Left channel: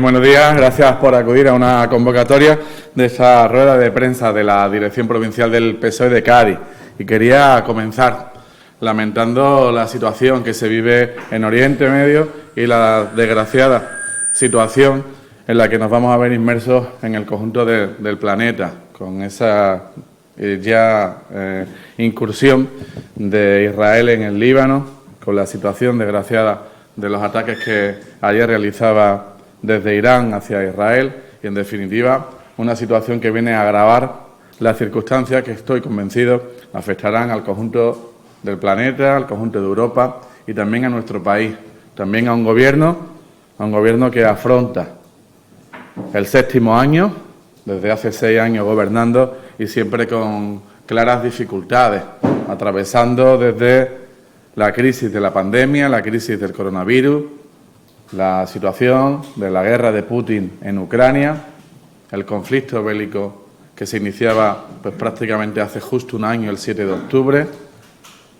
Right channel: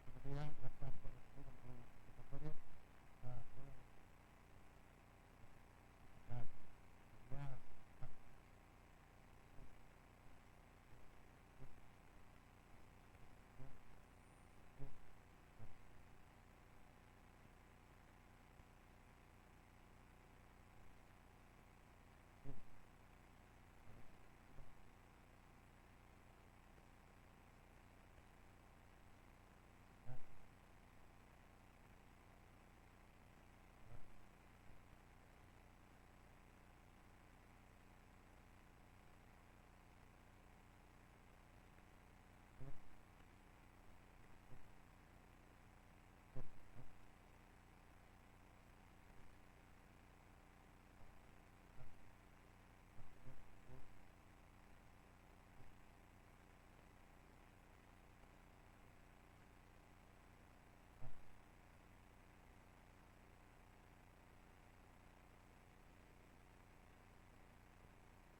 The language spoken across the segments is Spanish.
Buenos días, gracias por acudir a una convocatoria de esta rueda de prensa de la Dirección Provincial del PSOE de Cádiz. Y quería comenzar lamentando la situación que se vive en Oriente Medio y la desgraciada situación en la que nos vamos a ver inmersos en el conjunto del planeta, con esa incursión de Israel en el Líbano, con la situación desgraciada de los ataques que ayer realizaba desde Irán hacia Israel y, en definitiva, una situación que viene a agravar las circunstancias que estoy convencido afectarán al conjunto del planeta, al conjunto de Europa y también a nuestro país, también a un gobierno que afronta el 7º año, desde hace 6 años gobernando y siempre con claras dificultades, atravesando desde la crisis de la pandemia, la crisis del coronavirus, la situación de la guerra de Putin en Ucrania, el conflicto bélico que se iniciaba prácticamente hace justo un año, el 7 de octubre,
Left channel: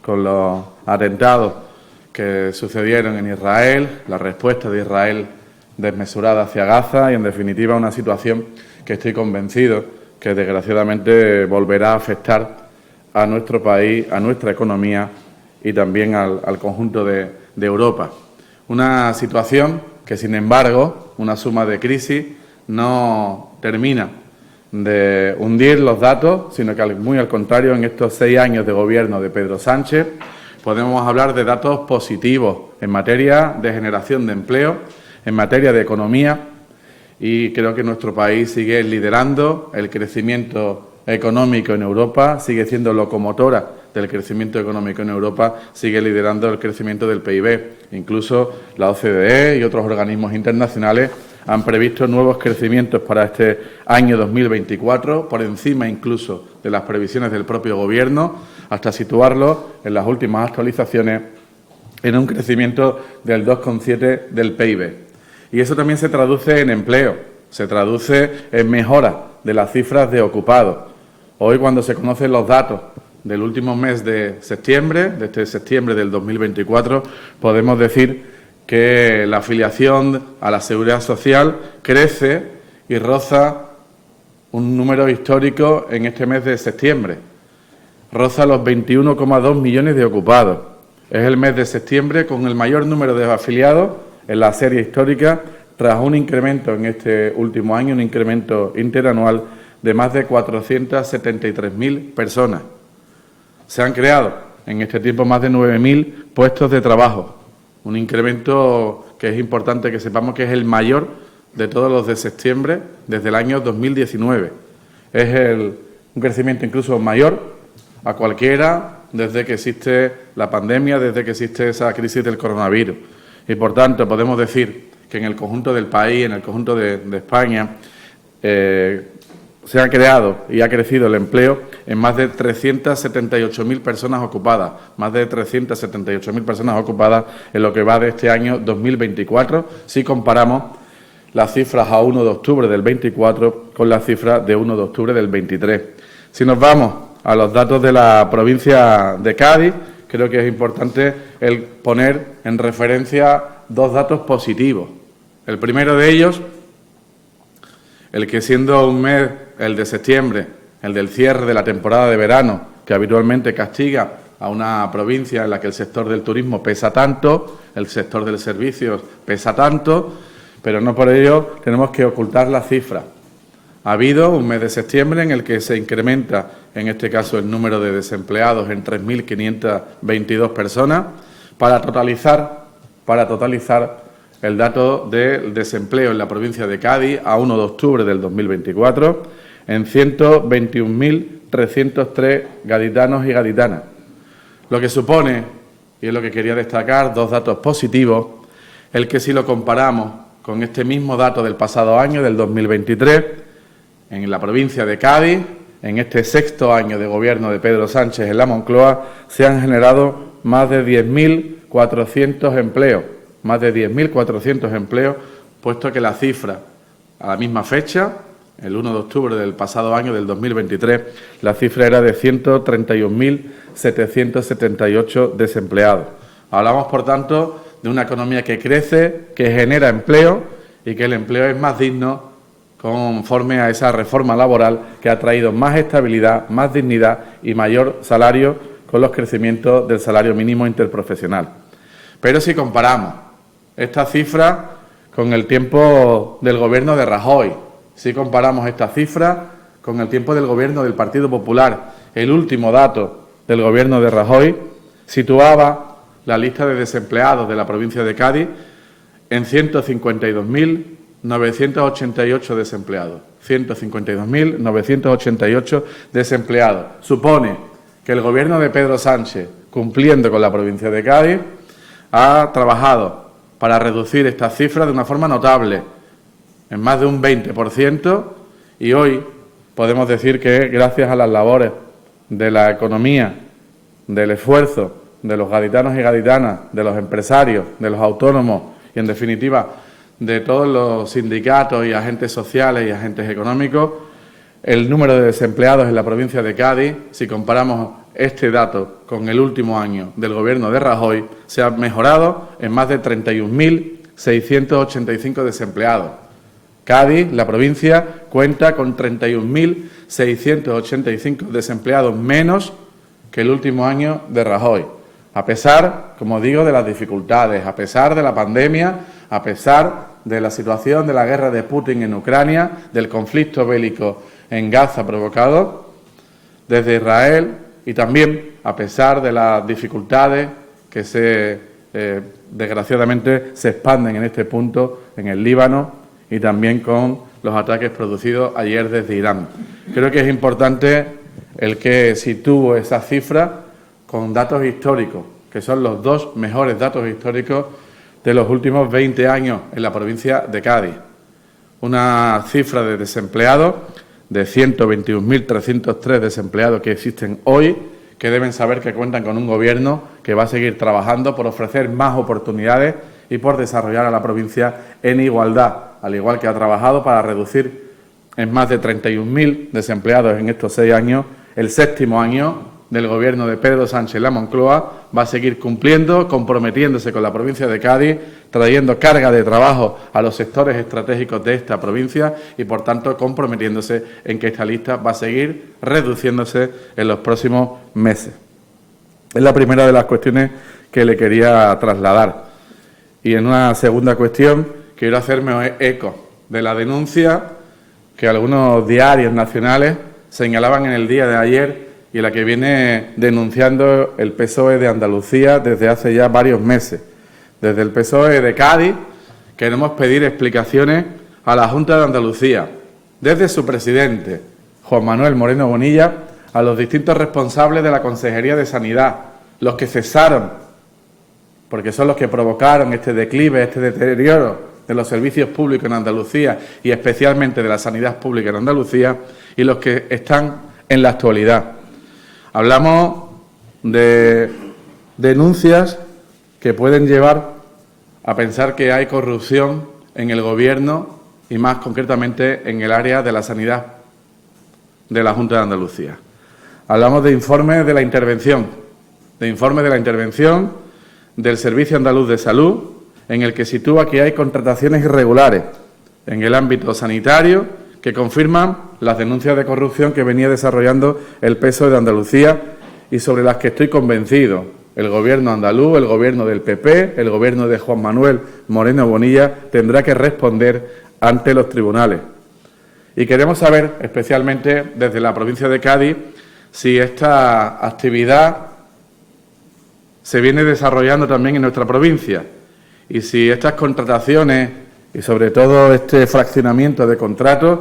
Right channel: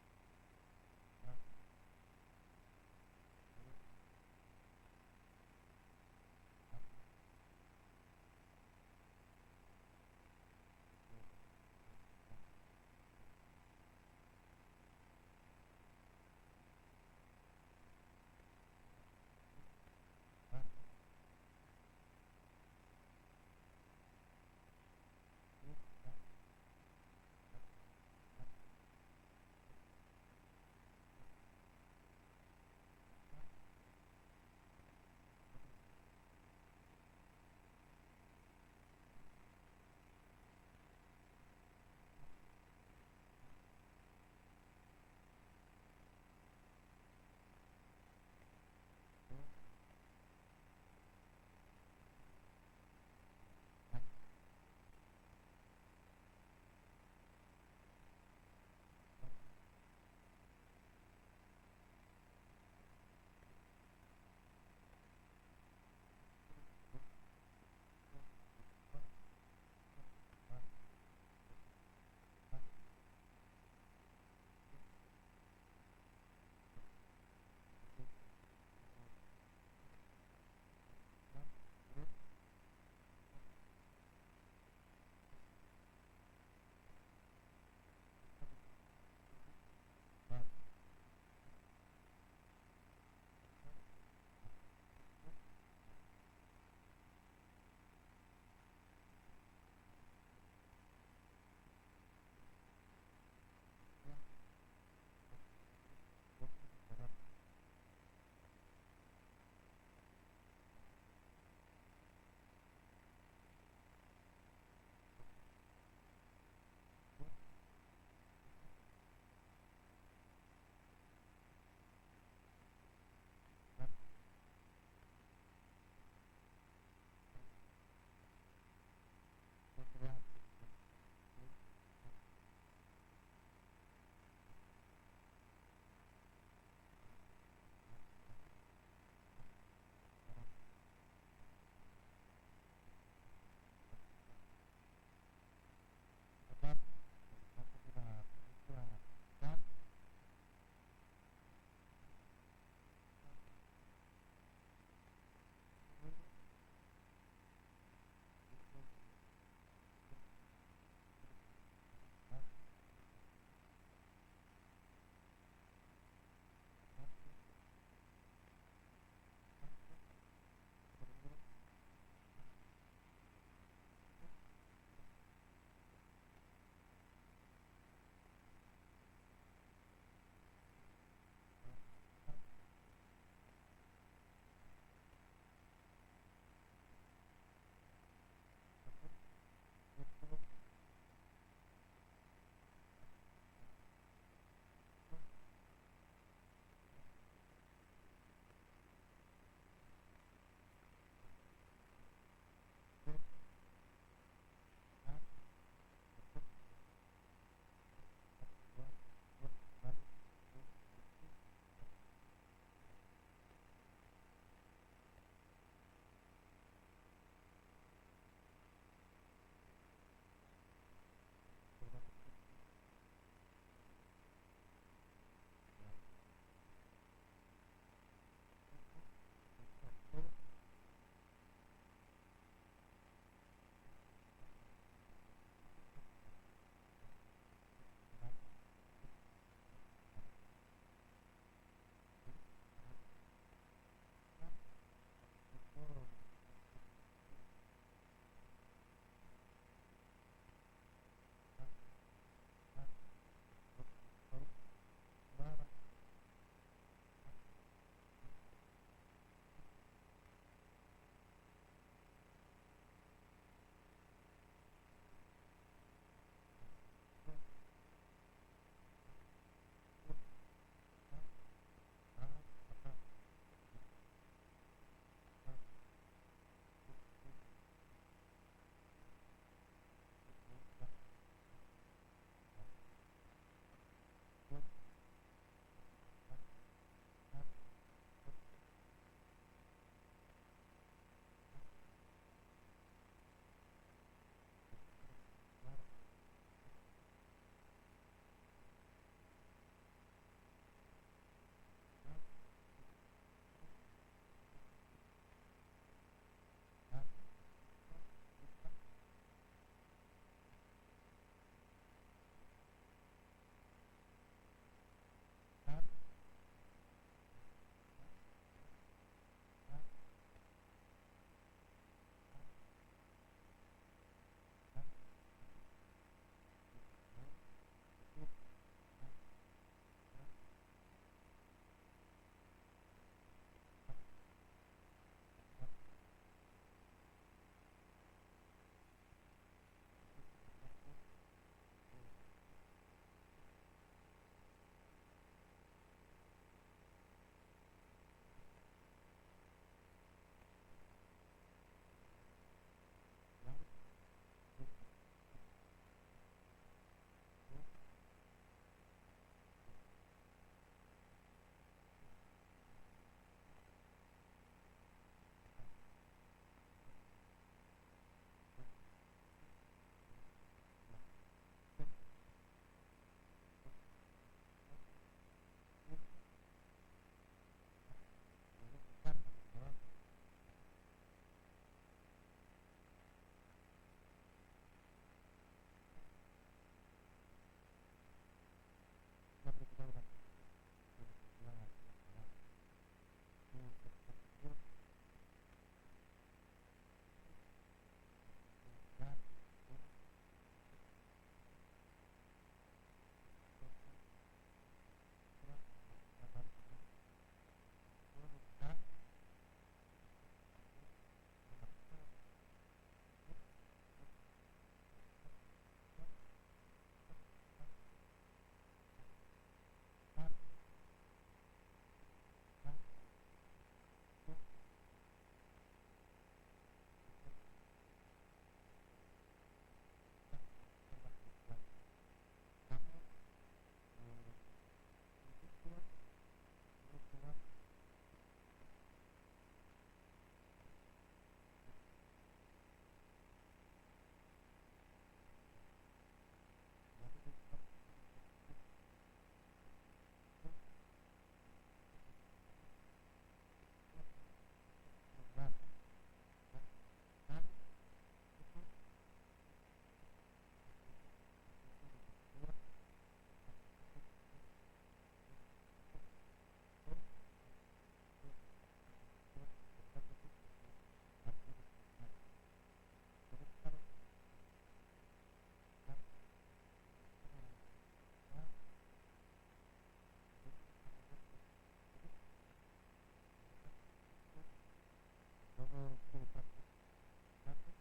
con los atentados que sucedieron en Israel, la respuesta de Israel desmesurada hacia Gaza y, en definitiva, una situación que estoy convencido que, desgraciadamente, volverá a afectar a nuestro país, a nuestra economía y también al conjunto de Europa. Una situación que, sin embargo, una suma de crisis no termina de hundir los datos, sino que, muy al contrario, en estos 6 años de gobierno de Pedro Sánchez podemos hablar de datos positivos en materia de generación de empleo, en materia de economía, y creo que nuestro país sigue liderando el crecimiento económico en Europa, sigue siendo locomotora del crecimiento económico en Europa, sigue liderando el crecimiento del PIB. Incluso la OCDE y otros organismos internacionales han previsto nuevos crecimientos para este año 2024, por encima incluso de las previsiones del propio Gobierno, hasta situarlo en las últimas actualizaciones en un crecimiento del 2,7% del PIB. Y eso también se traduce en empleo, se traduce en mejora de las cifras de ocupados. Hoy, cuando se conocen los datos del último mes de septiembre, de este septiembre del 2024, podemos decir que la afiliación a la Seguridad Social crece y roza un número histórico en este mes de septiembre. Roza los 21,2 millones de ocupados. Es el mes de septiembre con el mayor número de afiliados en la serie histórica, tras un incremento en este último año, un incremento interanual de más de 473.000 personas. Se han creado en este tiempo más de 9.000 puestos de trabajo, un incremento que es importante que sepamos que es el mayor de todos los de septiembre desde el año 2019. Es un crecimiento incluso mayor a cualquiera desde que existe la pandemia, desde que existe esa crisis del coronavirus. Y, por tanto, podemos decir que en el conjunto del país, en el conjunto de España, se ha creado y ha crecido el empleo en más de 378.000 personas ocupadas, más de 378.000 personas ocupadas en lo que va de este año 2024, si comparamos las cifras a 1 de octubre del 24 con las cifras de 1 de octubre del 23. Si nos vamos a los datos de la provincia de Cádiz, creo que es importante el poner en referencia 2 datos positivos. El primero de ellos, el que, siendo un mes, el de septiembre, el del cierre de la temporada de verano, que habitualmente castiga a una provincia en la que el sector del turismo pesa tanto, el sector de los servicios pesa tanto, pero no por ello tenemos que ocultar la cifra. Ha habido un mes de septiembre en el que se incrementa, en este caso, el número de desempleados en 3.522 personas, para totalizar el dato del desempleo en la provincia de Cádiz a 1 de octubre del 2024 en 121.303 gaditanos y gaditanas. Lo que supone, y es lo que quería destacar, 2 datos positivos, el que, si lo comparamos con este mismo dato del pasado año, del 2023, en la provincia de Cádiz, en este 6º año de gobierno de Pedro Sánchez en la Moncloa, se han generado más de 10.400 empleos. Más de 10.400 empleos, puesto que la cifra, a la misma fecha, el 1 de octubre del pasado año, del 2023, la cifra era de 131.778 desempleados. Hablamos, por tanto, de una economía que crece, que genera empleo y que el empleo es más digno conforme a esa reforma laboral que ha traído más estabilidad, más dignidad y mayor salario con los crecimientos del salario mínimo interprofesional. Pero si comparamos esta cifra con el tiempo del Gobierno de Rajoy, si comparamos esta cifra con el tiempo del Gobierno del Partido Popular, el último dato del Gobierno de Rajoy situaba la lista de desempleados de la provincia de Cádiz en 152.988 desempleados. 152.988 desempleados. Supone que el Gobierno de Pedro Sánchez, cumpliendo con la provincia de Cádiz, ha trabajado para reducir estas cifras de una forma notable, en más de un 20%, y hoy podemos decir que gracias a las labores de la economía, del esfuerzo de los gaditanos y gaditanas, de los empresarios, de los autónomos y, en definitiva, de todos los sindicatos y agentes sociales y agentes económicos, el número de desempleados en la provincia de Cádiz, si comparamos este dato con el último año del Gobierno de Rajoy, se ha mejorado en más de 31.685 desempleados. Cádiz, la provincia, cuenta con 31.685 desempleados menos que el último año de Rajoy. A pesar, como digo, de las dificultades, a pesar de la pandemia, a pesar de la situación de la guerra de Putin en Ucrania, del conflicto bélico en Gaza provocado desde Israel y también a pesar de las dificultades que desgraciadamente se expanden en este punto en el Líbano y también con los ataques producidos ayer desde Irán. Creo que es importante el que sitúe esa cifra con datos históricos, que son los dos mejores datos históricos de los últimos 20 años en la provincia de Cádiz. Una cifra de desempleados de 121.303 desempleados que existen hoy, que deben saber que cuentan con un Gobierno que va a seguir trabajando por ofrecer más oportunidades y por desarrollar a la provincia en igualdad, al igual que ha trabajado para reducir en más de 31.000 desempleados en estos 6 años. El séptimo año del Gobierno de Pedro Sánchez en la Moncloa va a seguir cumpliendo, comprometiéndose con la provincia de Cádiz, trayendo carga de trabajo a los sectores estratégicos de esta provincia y, por tanto, comprometiéndose en que esta lista va a seguir reduciéndose en los próximos meses. Es la primera de las cuestiones que le quería trasladar. Y en una segunda cuestión quiero hacerme eco de la denuncia que algunos diarios nacionales señalaban en el día de ayer y la que viene denunciando el PSOE de Andalucía desde hace ya varios meses. Desde el PSOE de Cádiz queremos pedir explicaciones a la Junta de Andalucía, desde su presidente, Juan Manuel Moreno Bonilla, a los distintos responsables de la Consejería de Sanidad, los que cesaron, porque son los que provocaron este declive, este deterioro de los servicios públicos en Andalucía y especialmente de la sanidad pública en Andalucía, y los que están en la actualidad. Hablamos de denuncias que pueden llevar a pensar que hay corrupción en el Gobierno y más concretamente en el área de la sanidad de la Junta de Andalucía. Hablamos de informes de la intervención, del Servicio Andaluz de Salud, en el que sitúa que hay contrataciones irregulares en el ámbito sanitario que confirman las denuncias de corrupción que venía desarrollando el PSOE de Andalucía y sobre las que estoy convencido el Gobierno andaluz, el Gobierno del PP, el Gobierno de Juan Manuel Moreno Bonilla tendrá que responder ante los tribunales. Y queremos saber, especialmente desde la provincia de Cádiz, si esta actividad se viene desarrollando también en nuestra provincia y si estas contrataciones y sobre todo este fraccionamiento de contratos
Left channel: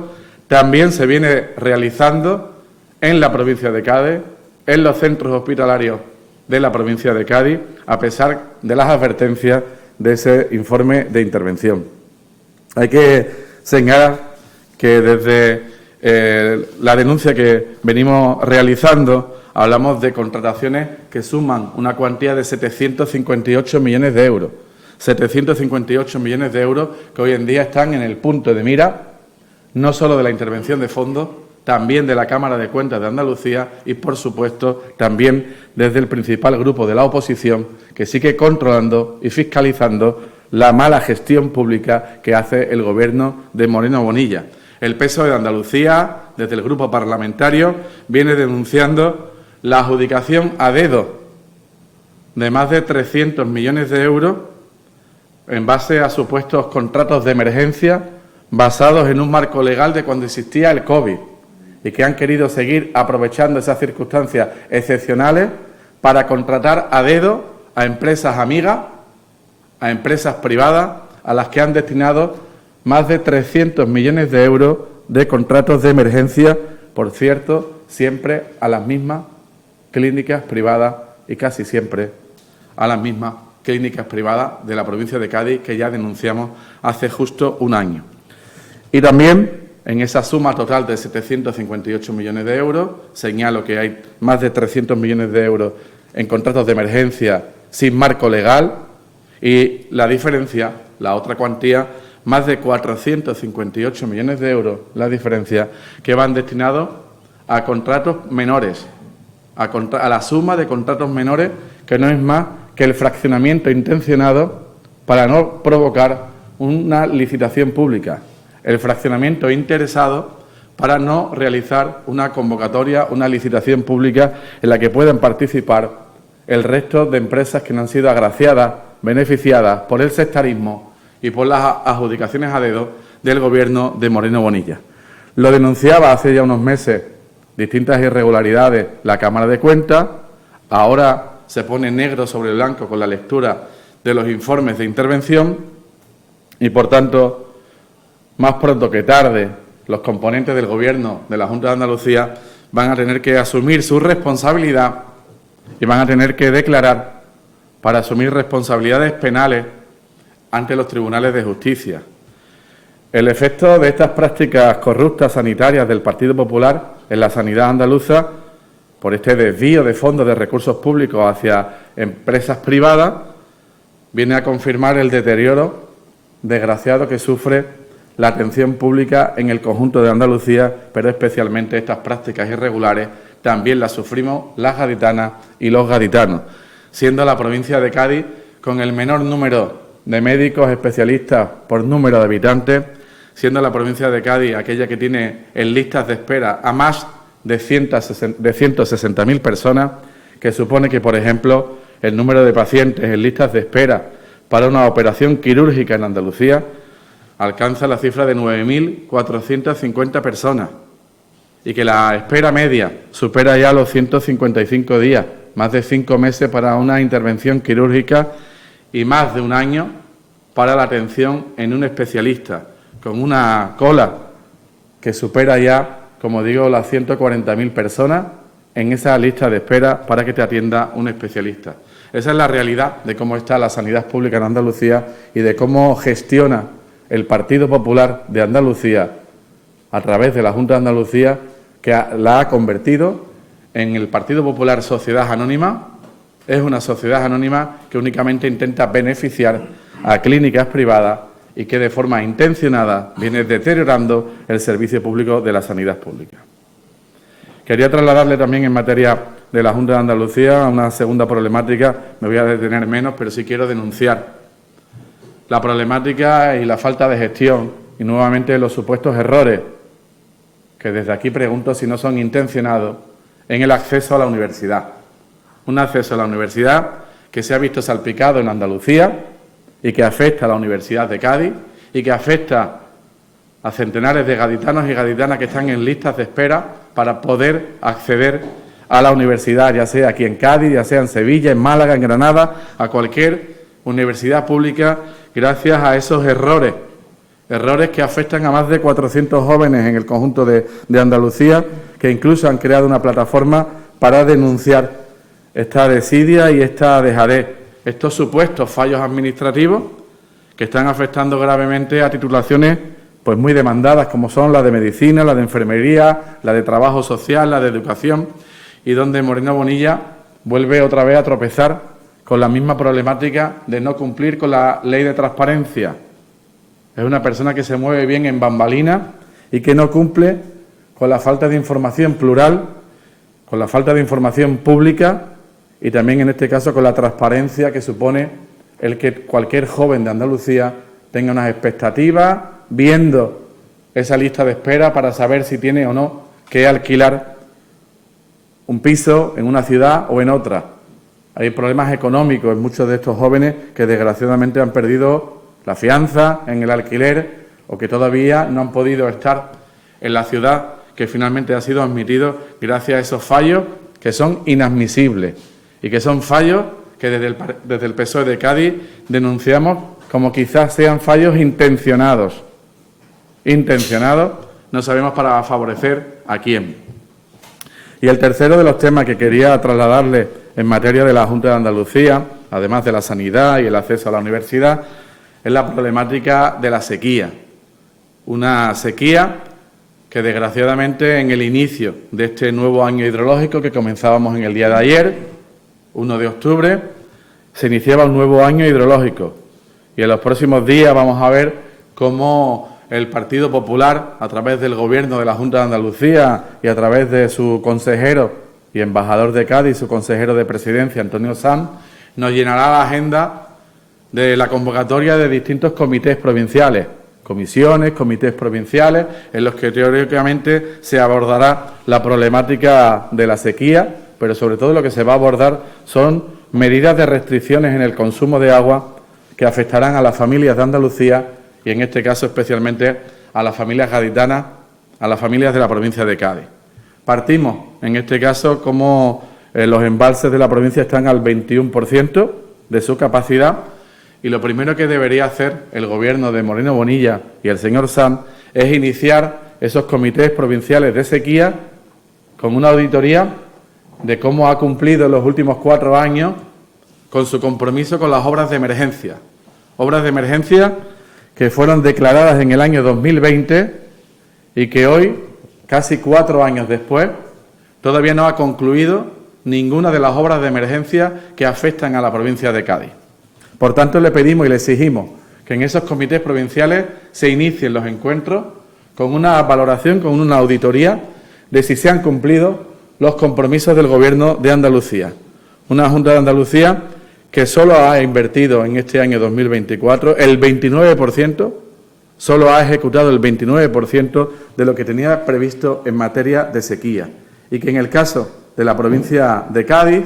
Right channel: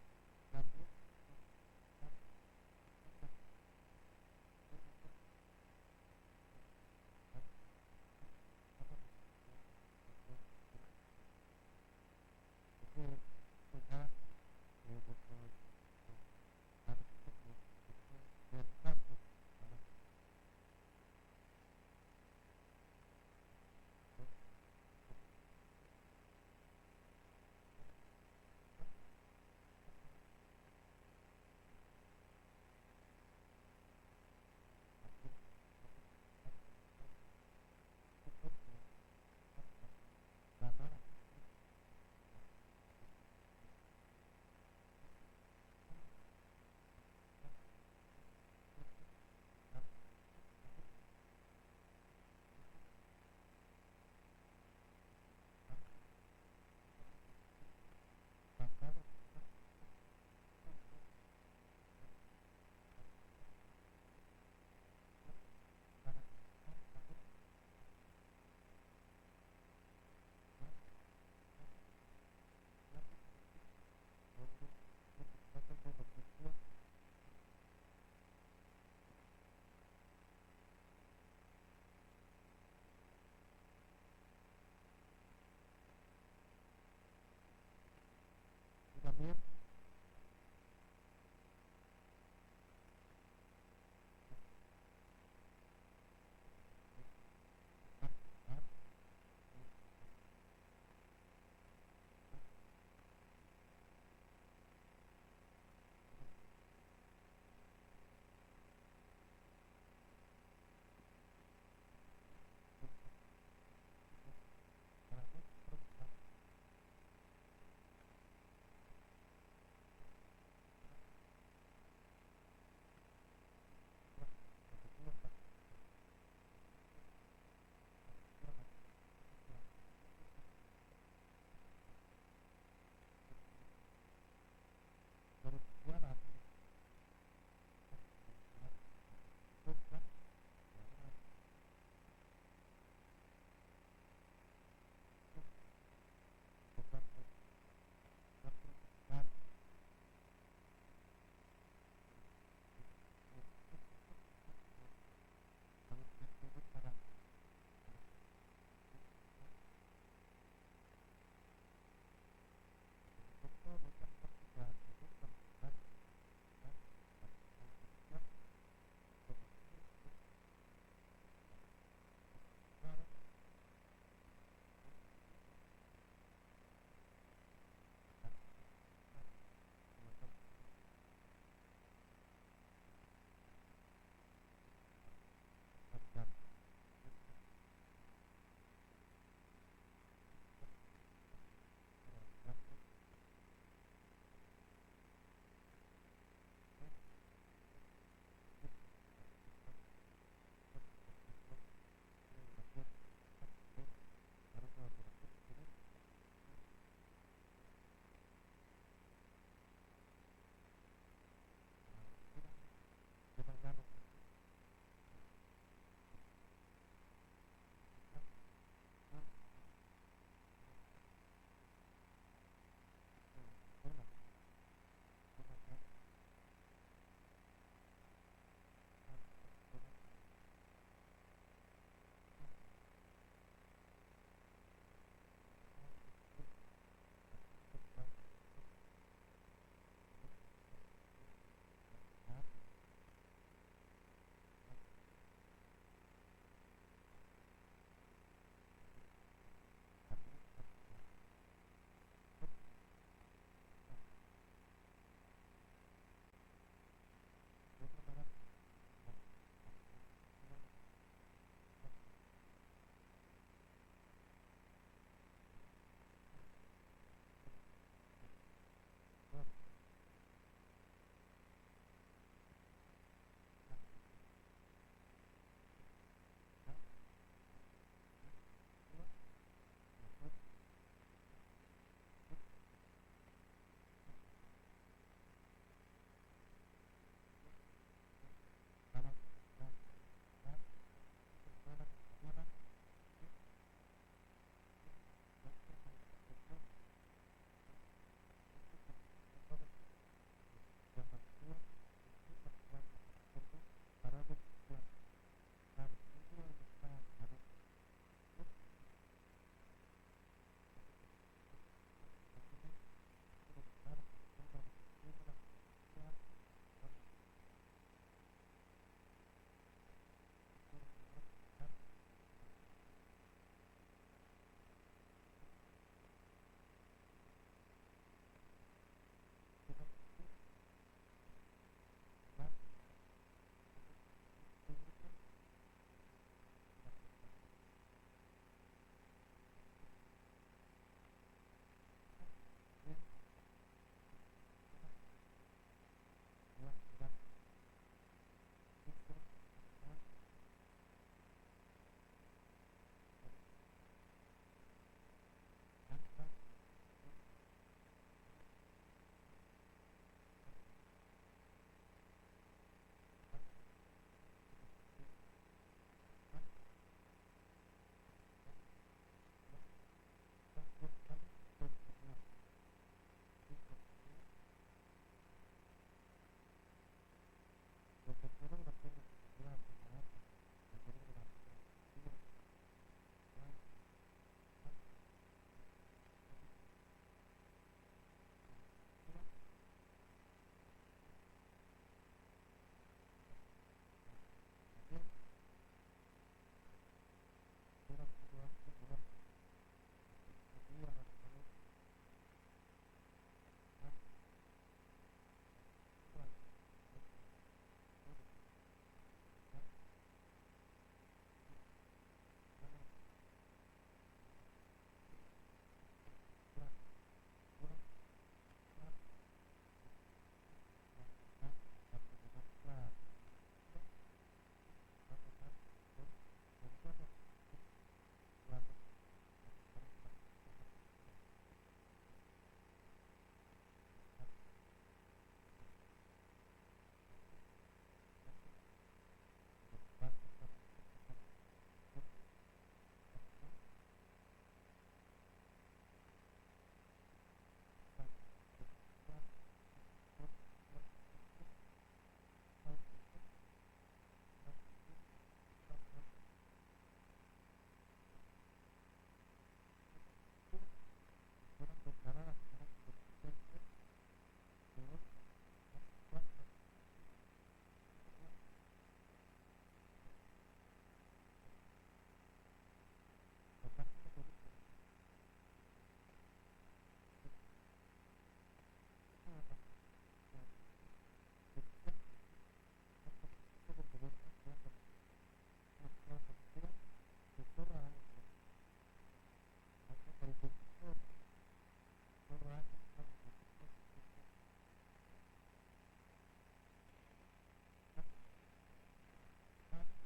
también se viene realizando en la provincia de Cádiz, en los centros hospitalarios de la provincia de Cádiz, a pesar de las advertencias de ese informe de intervención. Hay que señalar que desde la denuncia que venimos realizando hablamos de contrataciones que suman una cuantía de 758 millones de euros. 758 millones de euros que hoy en día están en el punto de mira, no solo de la intervención de fondos, también de la Cámara de Cuentas de Andalucía y, por supuesto, también desde el principal grupo de la oposición, que sigue controlando y fiscalizando la mala gestión pública que hace el Gobierno de Moreno Bonilla. El PSOE de Andalucía, desde el grupo parlamentario, viene denunciando la adjudicación a dedo de más de 300 millones de euros en base a supuestos contratos de emergencia basados en un marco legal de cuando existía el COVID y que han querido seguir aprovechando esas circunstancias excepcionales para contratar a dedo a empresas amigas, a empresas privadas, a las que han destinado más de 300 millones de euros de contratos de emergencia, por cierto, siempre a las mismas clínicas privadas y casi siempre a las mismas clínicas privadas de la provincia de Cádiz que ya denunciamos hace justo un año. Y también en esa suma total de 758 millones de euros, señalo que hay más de 300 millones de euros en contratos de emergencia sin marco legal y la diferencia, la otra cuantía, más de 458 millones de euros, la diferencia, que van destinados a contratos menores, a la suma de contratos menores, que no es más que el fraccionamiento intencionado para no provocar una licitación pública, el fraccionamiento interesado para no realizar una convocatoria, una licitación pública en la que puedan participar el resto de empresas que no han sido agraciadas, beneficiadas por el sectarismo y por las adjudicaciones a dedo del Gobierno de Moreno Bonilla. Lo denunciaba hace ya unos meses distintas irregularidades la Cámara de Cuentas, ahora se pone negro sobre blanco con la lectura de los informes de intervención y, por tanto, más pronto que tarde, los componentes del Gobierno de la Junta de Andalucía van a tener que asumir su responsabilidad y van a tener que declarar para asumir responsabilidades penales ante los tribunales de justicia. El efecto de estas prácticas corruptas sanitarias del Partido Popular en la sanidad andaluza, por este desvío de fondos de recursos públicos hacia empresas privadas, viene a confirmar el deterioro desgraciado que sufre la atención pública en el conjunto de Andalucía, pero especialmente estas prácticas irregulares también las sufrimos las gaditanas y los gaditanos, siendo la provincia de Cádiz con el menor número de médicos especialistas por número de habitantes, siendo la provincia de Cádiz aquella que tiene en listas de espera a más de 160.000 personas, que supone que, por ejemplo, el número de pacientes en listas de espera para una operación quirúrgica en Andalucía alcanza la cifra de 9.450 personas y que la espera media supera ya los 155 días, más de 5 meses para una intervención quirúrgica y más de un año para la atención en un especialista, con una cola que supera ya, como digo, las 140.000 personas en esa lista de espera para que te atienda un especialista. Esa es la realidad de cómo está la sanidad pública en Andalucía y de cómo gestiona el Partido Popular de Andalucía, a través de la Junta de Andalucía, que la ha convertido en el Partido Popular Sociedad Anónima. Es una sociedad anónima que únicamente intenta beneficiar a clínicas privadas y que de forma intencionada viene deteriorando el servicio público de la sanidad pública. Quería trasladarle también en materia de la Junta de Andalucía una segunda problemática. Me voy a detener menos, pero sí quiero denunciar la problemática y la falta de gestión y nuevamente los supuestos errores, que desde aquí pregunto si no son intencionados, en el acceso a la universidad. Un acceso a la universidad que se ha visto salpicado en Andalucía y que afecta a la Universidad de Cádiz y que afecta a centenares de gaditanos y gaditanas que están en listas de espera para poder acceder a la universidad, ya sea aquí en Cádiz, ya sea en Sevilla, en Málaga, en Granada, a cualquier universidad pública, gracias a esos errores que afectan a más de 400 jóvenes en el conjunto de Andalucía, que incluso han creado una plataforma para denunciar esta desidia y esta dejadez, estos supuestos fallos administrativos que están afectando gravemente a titulaciones pues muy demandadas, como son la de medicina, la de enfermería, la de trabajo social, la de educación, y donde Moreno Bonilla vuelve otra vez a tropezar con la misma problemática de no cumplir con la ley de transparencia. Es una persona que se mueve bien en bambalinas y que no cumple con la falta de información plural, con la falta de información pública y también, en este caso, con la transparencia que supone el que cualquier joven de Andalucía tenga unas expectativas, viendo esa lista de espera para saber si tiene o no que alquilar un piso en una ciudad o en otra. Hay problemas económicos en muchos de estos jóvenes que desgraciadamente han perdido la fianza en el alquiler o que todavía no han podido estar en la ciudad que finalmente ha sido admitido gracias a esos fallos que son inadmisibles y que son fallos que desde el PSOE de Cádiz denunciamos como quizás sean fallos intencionados. Intencionados, no sabemos para favorecer a quién. Y el tercero de los temas que quería trasladarle en materia de la Junta de Andalucía, además de la sanidad y el acceso a la universidad, es la problemática de la sequía. Una sequía que desgraciadamente en el inicio de este nuevo año hidrológico que comenzábamos en el día de ayer, 1 de octubre, se iniciaba un nuevo año hidrológico. Y en los próximos días vamos a ver cómo el Partido Popular, a través del Gobierno de la Junta de Andalucía y a través de su consejero y embajador de Cádiz, su consejero de Presidencia, Antonio Sanz, nos llenará la agenda de la convocatoria de distintos comités provinciales, comisiones, comités provinciales, en los que teóricamente se abordará la problemática de la sequía, pero sobre todo lo que se va a abordar son medidas de restricciones en el consumo de agua que afectarán a las familias de Andalucía y, en este caso, especialmente a las familias gaditanas, a las familias de la provincia de Cádiz. Partimos, en este caso, como los embalses de la provincia están al 21% de su capacidad, y lo primero que debería hacer el Gobierno de Moreno Bonilla y el señor Sanz es iniciar esos comités provinciales de sequía con una auditoría de cómo ha cumplido en los últimos 4 años con su compromiso con las obras de emergencia. Obras de emergencia que fueron declaradas en el año 2020 y que hoy, casi 4 años después, todavía no ha concluido ninguna de las obras de emergencia que afectan a la provincia de Cádiz. Por tanto, le pedimos y le exigimos que en esos comités provinciales se inicien los encuentros con una valoración, con una auditoría de si se han cumplido los compromisos del Gobierno de Andalucía. Una Junta de Andalucía que solo ha invertido en este año 2024 el 29%, solo ha ejecutado el 29% de lo que tenía previsto en materia de sequía. Y que en el caso de la provincia de Cádiz,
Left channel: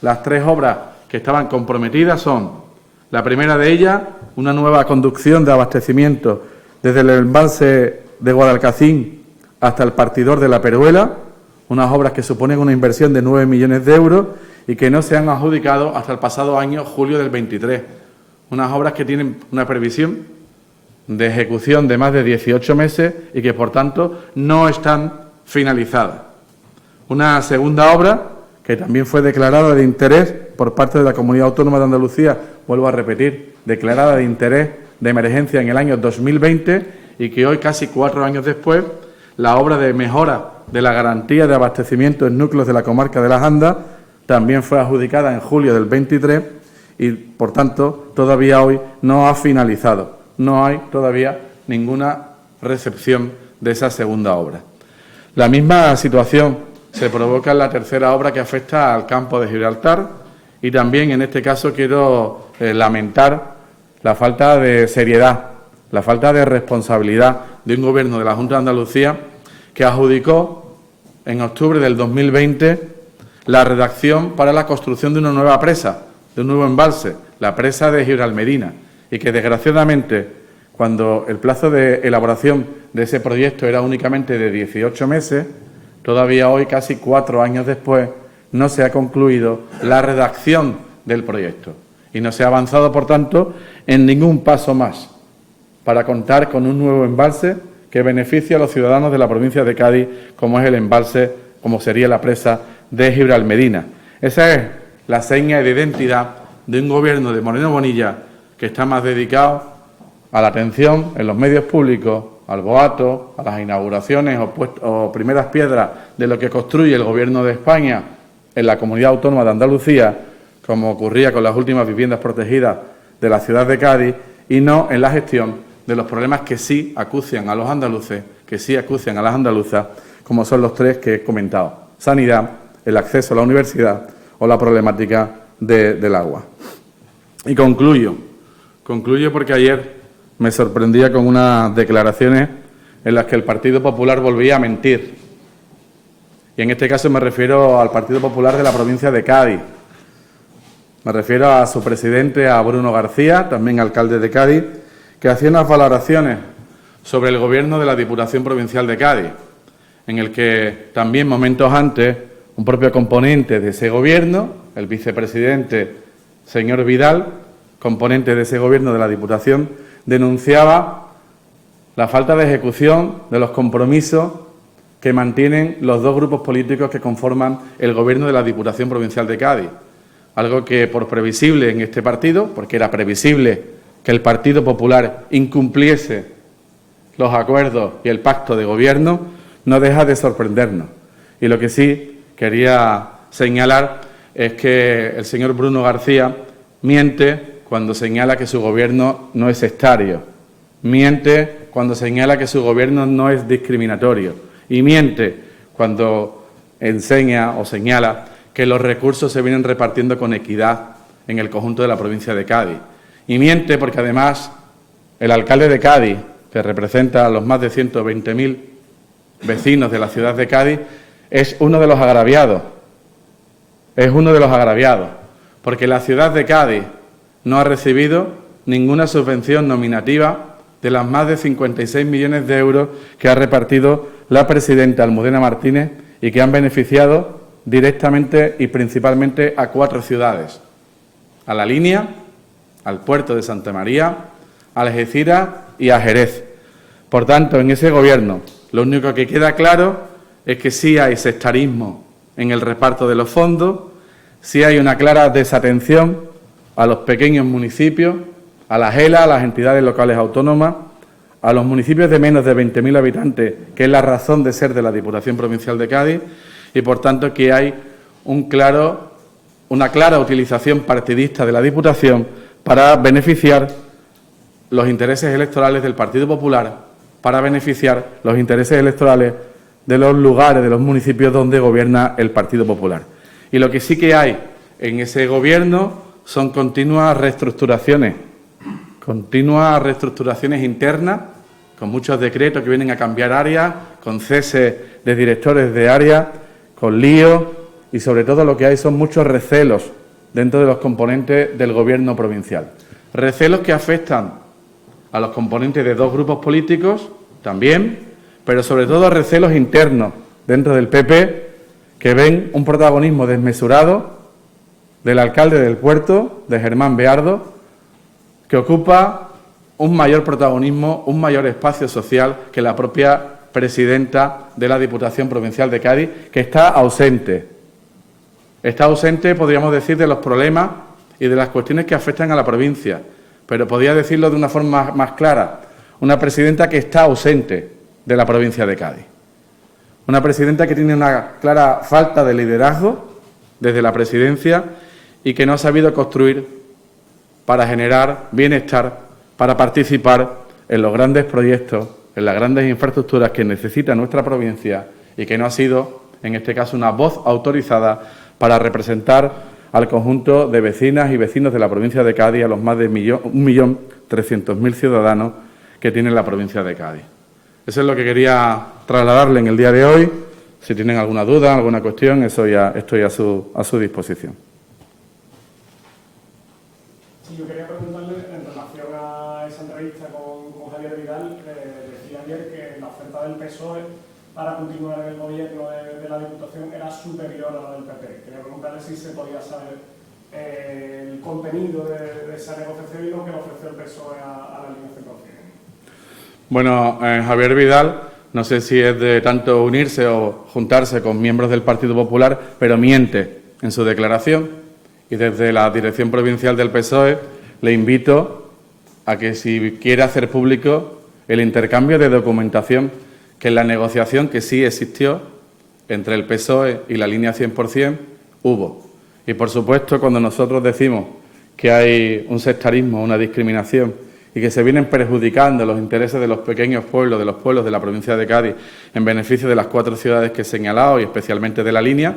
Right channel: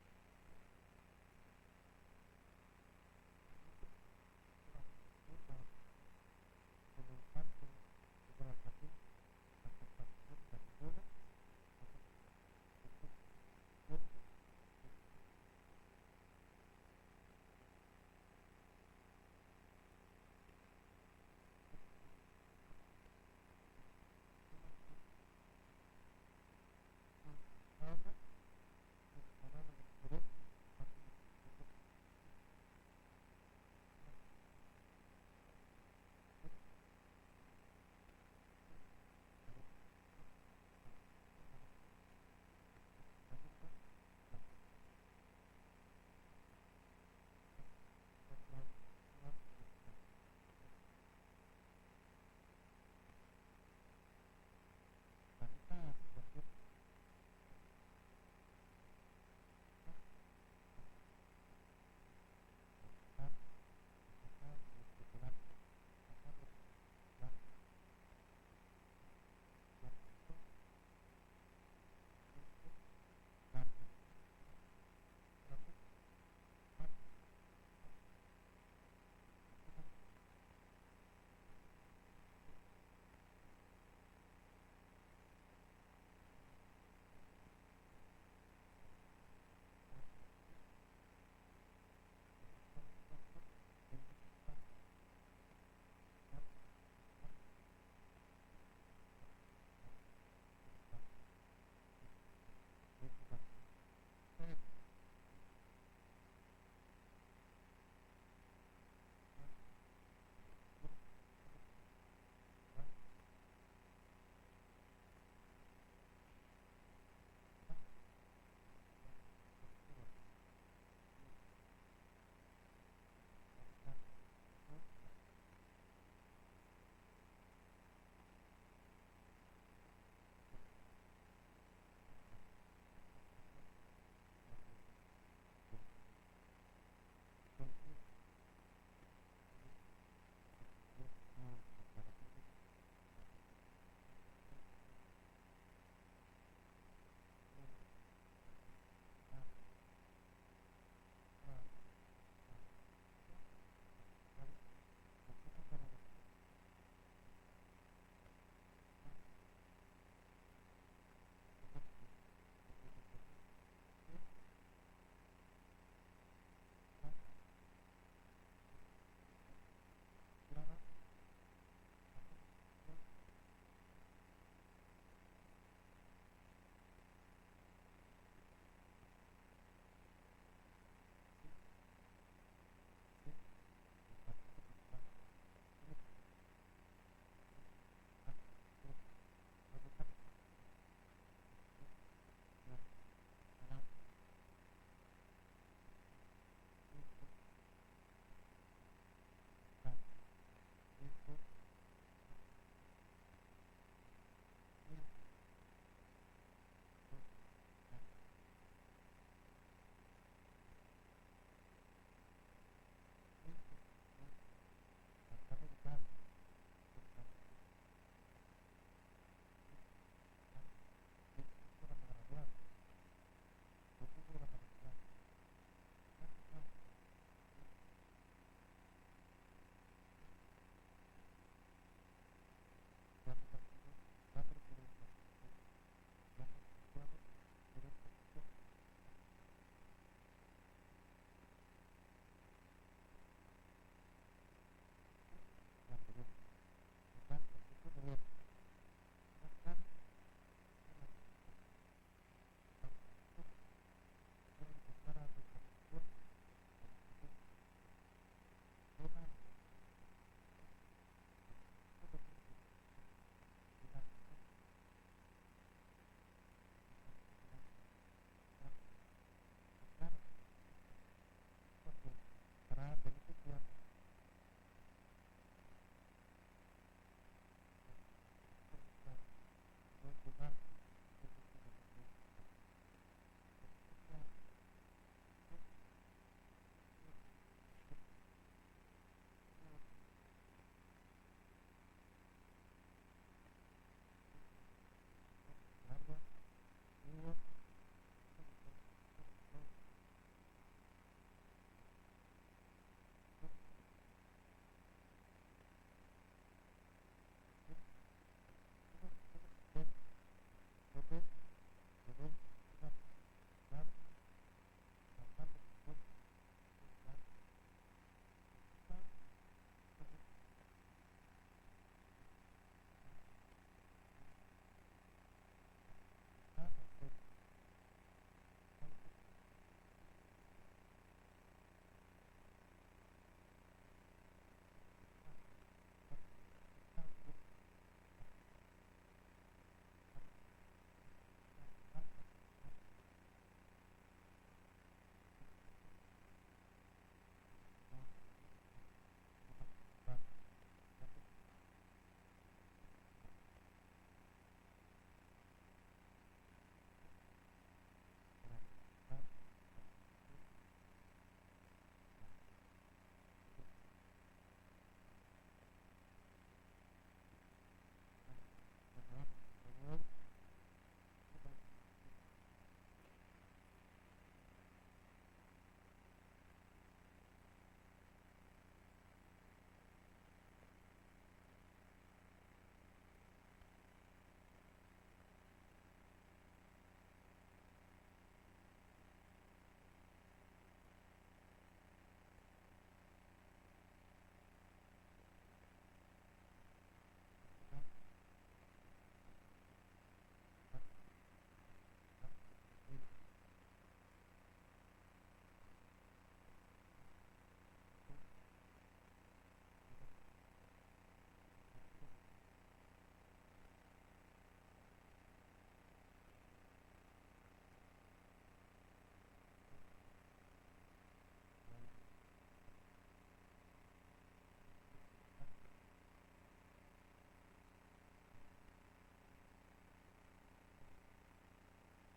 las 3 obras que estaban comprometidas son: la primera de ellas, una nueva conducción de abastecimiento desde el embalse de Guadalcacín hasta el partidor de la Peruela, unas obras que suponen una inversión de 9 millones de euros y que no se han adjudicado hasta el pasado año, julio del 23. Unas obras que tienen una previsión de ejecución de más de 18 meses y que, por tanto, no están finalizadas. Una segunda obra que también fue declarada de interés por parte de la Comunidad Autónoma de Andalucía, vuelvo a repetir, declarada de interés de emergencia en el año 2020 y que hoy, casi 4 años después, la obra de mejora de la garantía de abastecimiento en núcleos de la comarca de Las Andas también fue adjudicada en julio del 23 y, por tanto, todavía hoy no ha finalizado. No hay todavía ninguna recepción de esa segunda obra. La misma situación se provoca en la tercera obra que afecta al campo de Gibraltar y también, en este caso, quiero lamentar la falta de seriedad, la falta de responsabilidad de un Gobierno de la Junta de Andalucía que adjudicó en octubre del 2020 la redacción para la construcción de una nueva presa, de un nuevo embalse, la presa de Gibralmedina, y que, desgraciadamente, cuando el plazo de elaboración de ese proyecto era únicamente de 18 meses, todavía hoy, casi 4 años después, no se ha concluido la redacción del proyecto y no se ha avanzado, por tanto, en ningún paso más para contar con un nuevo embalse que beneficie a los ciudadanos de la provincia de Cádiz, como es el embalse, como sería la presa de Gibralmedina. Esa es la seña de identidad de un Gobierno de Moreno Bonilla que está más dedicado a la atención en los medios públicos, al boato, a las inauguraciones o primeras piedras de lo que construye el Gobierno de España en la Comunidad Autónoma de Andalucía, como ocurría con las últimas viviendas protegidas de la ciudad de Cádiz, y no en la gestión de los problemas que sí acucian a los andaluces, que sí acucian a las andaluzas, como son los 3 que he comentado: sanidad, el acceso a la universidad o la problemática del agua. Y concluyo porque ayer me sorprendía con unas declaraciones en las que el Partido Popular volvía a mentir. Y en este caso me refiero al Partido Popular de la provincia de Cádiz. Me refiero a su presidente, a Bruno García, también alcalde de Cádiz, que hacía unas valoraciones sobre el Gobierno de la Diputación Provincial de Cádiz, en el que también momentos antes un propio componente de ese Gobierno, el vicepresidente señor Vidal, componente de ese Gobierno de la Diputación, denunciaba la falta de ejecución de los compromisos que mantienen los dos grupos políticos que conforman el Gobierno de la Diputación Provincial de Cádiz. Algo que, por previsible en este partido, porque era previsible que el Partido Popular incumpliese los acuerdos y el pacto de Gobierno, no deja de sorprendernos. Y lo que sí quería señalar es que el señor Bruno García miente cuando señala que su Gobierno no es sectario, miente cuando señala que su Gobierno no es discriminatorio y miente cuando enseña o señala que los recursos se vienen repartiendo con equidad en el conjunto de la provincia de Cádiz. Y miente porque, además, el alcalde de Cádiz, que representa a los más de 120.000 vecinos de la ciudad de Cádiz, es uno de los agraviados. Es uno de los agraviados, porque la ciudad de Cádiz no ha recibido ninguna subvención nominativa de las más de 56 millones de euros que ha repartido la presidenta Almudena Martínez y que han beneficiado directamente y principalmente a 4 ciudades: a La Línea, al puerto de Santa María, a Algeciras y a Jerez. Por tanto, en ese Gobierno lo único que queda claro es que sí hay sectarismo en el reparto de los fondos, sí hay una clara desatención a los pequeños municipios, a las ELA, a las entidades locales autónomas, a los municipios de menos de 20.000 habitantes, que es la razón de ser de la Diputación Provincial de Cádiz, y, por tanto, que hay una clara utilización partidista de la Diputación para beneficiar los intereses electorales del Partido Popular, para beneficiar los intereses electorales de los lugares, de los municipios donde gobierna el Partido Popular. Y lo que sí que hay en ese Gobierno son continuas reestructuraciones internas, con muchos decretos que vienen a cambiar áreas, con cese de directores de áreas, con líos y, sobre todo, lo que hay son muchos recelos dentro de los componentes del Gobierno provincial. Recelos que afectan a los componentes de 2 grupos políticos también, pero sobre todo recelos internos dentro del PP, que ven un protagonismo desmesurado del alcalde del puerto, de Germán Beardo, que ocupa un mayor protagonismo, un mayor espacio social que la propia presidenta de la Diputación Provincial de Cádiz, que está ausente. Está ausente, podríamos decir, de los problemas y de las cuestiones que afectan a la provincia, pero podría decirlo de una forma más clara, una presidenta que está ausente de la provincia de Cádiz. Una presidenta que tiene una clara falta de liderazgo desde la presidencia y que no ha sabido construir para generar bienestar, para participar en los grandes proyectos, en las grandes infraestructuras que necesita nuestra provincia y que no ha sido, en este caso, una voz autorizada para representar al conjunto de vecinas y vecinos de la provincia de Cádiz, a los más de 1.300.000 ciudadanos que tiene la provincia de Cádiz. Eso es lo que quería trasladarle en el día de hoy. Si tienen alguna duda, alguna cuestión, eso ya estoy a su disposición. Sí, yo quería preguntarle, en relación a esa entrevista con Javier Vidal, decía ayer que la oferta del PSOE para continuar en el Gobierno de la Diputación era superior a la del PP. Quería preguntarle si se podía saber el contenido de esa negociación y lo que le ofreció el PSOE a la línea Centro. Bueno, Javier Vidal, no sé si es de tanto unirse o juntarse con miembros del Partido Popular, pero miente en su declaración. Y desde la Dirección Provincial del PSOE le invito a que, si quiere hacer público el intercambio de documentación, que en la negociación que sí existió entre el PSOE y la línea 100% hubo. Y, por supuesto, cuando nosotros decimos que hay un sectarismo, una discriminación y que se vienen perjudicando los intereses de los pequeños pueblos, de los pueblos de la provincia de Cádiz, en beneficio de las 4 ciudades que he señalado y especialmente de la línea,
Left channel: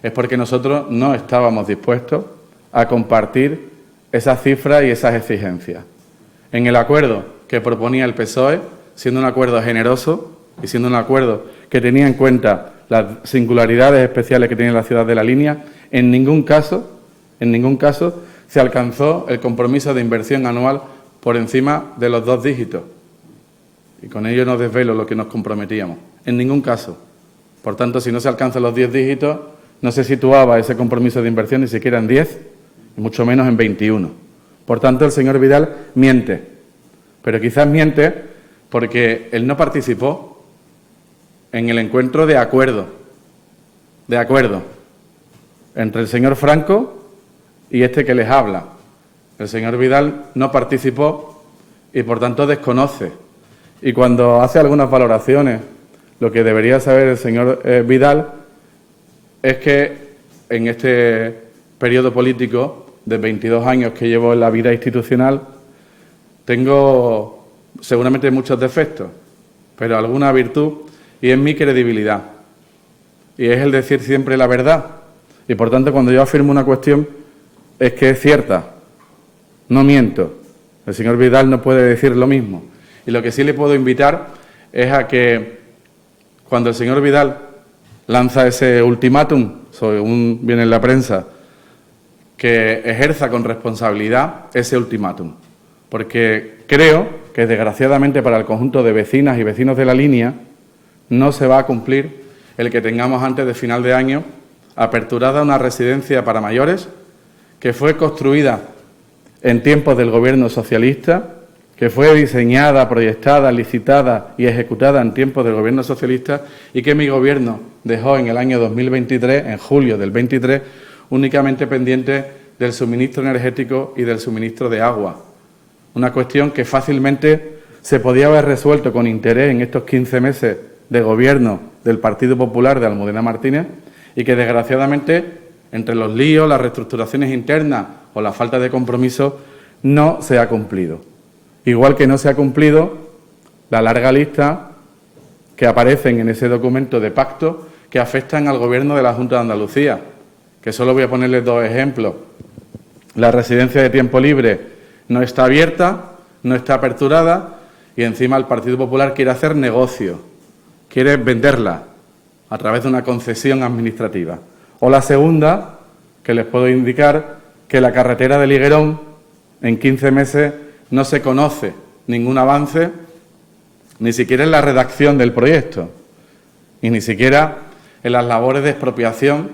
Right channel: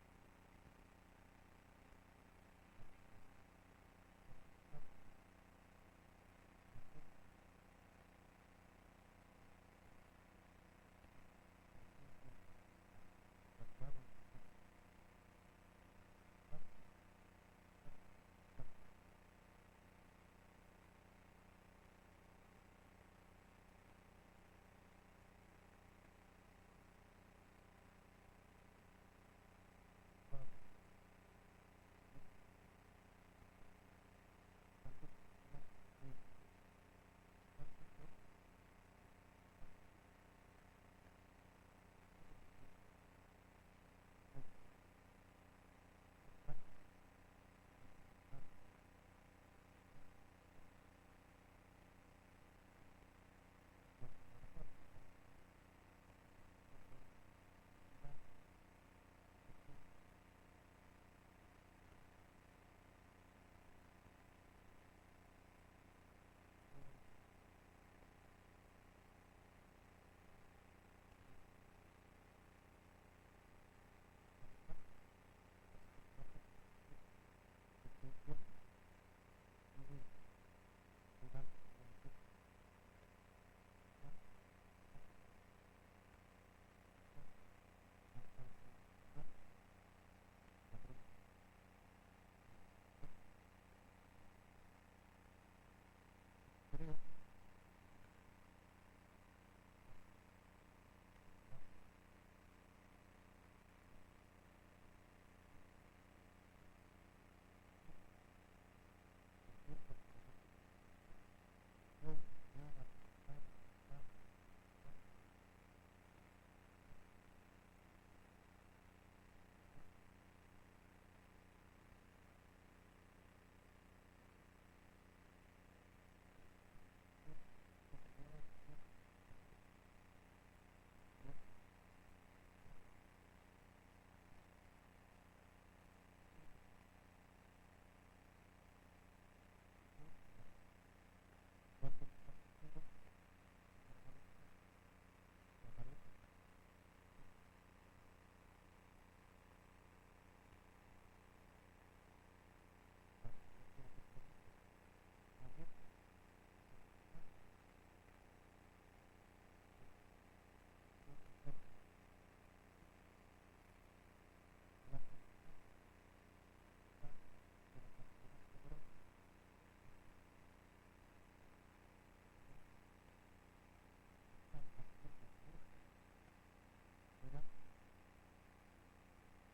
es porque nosotros no estábamos dispuestos a compartir esas cifras y esas exigencias. En el acuerdo que proponía el PSOE, siendo un acuerdo generoso y siendo un acuerdo que tenía en cuenta las singularidades especiales que tiene la ciudad de La Línea, en ningún caso se alcanzó el compromiso de inversión anual por encima de los 2 dígitos. Y con ello no desvelo lo que nos comprometíamos. En ningún caso. Por tanto, si no se alcanzan los 10 dígitos, no se situaba ese compromiso de inversión ni siquiera en 10, y mucho menos en 21. Por tanto, el señor Vidal miente. Pero quizás miente porque él no participó en el encuentro de acuerdo entre el señor Franco y este que les habla. El señor Vidal no participó y, por tanto, desconoce. Y cuando hace algunas valoraciones, lo que debería saber el señor Vidal es que en este periodo político de 22 años que llevo en la vida institucional, tengo seguramente muchos defectos, pero alguna virtud, y es mi credibilidad. Y es el decir siempre la verdad. Y, por tanto, cuando yo afirmo una cuestión, es que es cierta. No miento. El señor Vidal no puede decir lo mismo. Y lo que sí le puedo invitar es a que, cuando el señor Vidal lanza ese ultimátum, según viene en la prensa, que ejerza con responsabilidad ese ultimátum. Porque creo que, desgraciadamente para el conjunto de vecinas y vecinos de La Línea, no se va a cumplir el que tengamos antes de final de año aperturada una residencia para mayores que fue construida en tiempos del Gobierno socialista, que fue diseñada, proyectada, licitada y ejecutada en tiempos del Gobierno socialista y que mi Gobierno dejó en el año 2023, en julio del 23, únicamente pendiente del suministro energético y del suministro de agua. Una cuestión que fácilmente se podía haber resuelto con interés en estos 15 meses de Gobierno del Partido Popular de Almudena Martínez y que, desgraciadamente, entre los líos, las reestructuraciones internas o la falta de compromiso, no se ha cumplido. Igual que no se ha cumplido la larga lista que aparecen en ese documento de pacto que afectan al Gobierno de la Junta de Andalucía, que solo voy a ponerles 2 ejemplos. La residencia de tiempo libre no está abierta, no está aperturada y encima el Partido Popular quiere hacer negocio, quiere venderla a través de una concesión administrativa. O la segunda, que les puedo indicar, que la carretera de Liguerón en 15 meses no se conoce ningún avance, ni siquiera en la redacción del proyecto, y ni siquiera en las labores de expropiación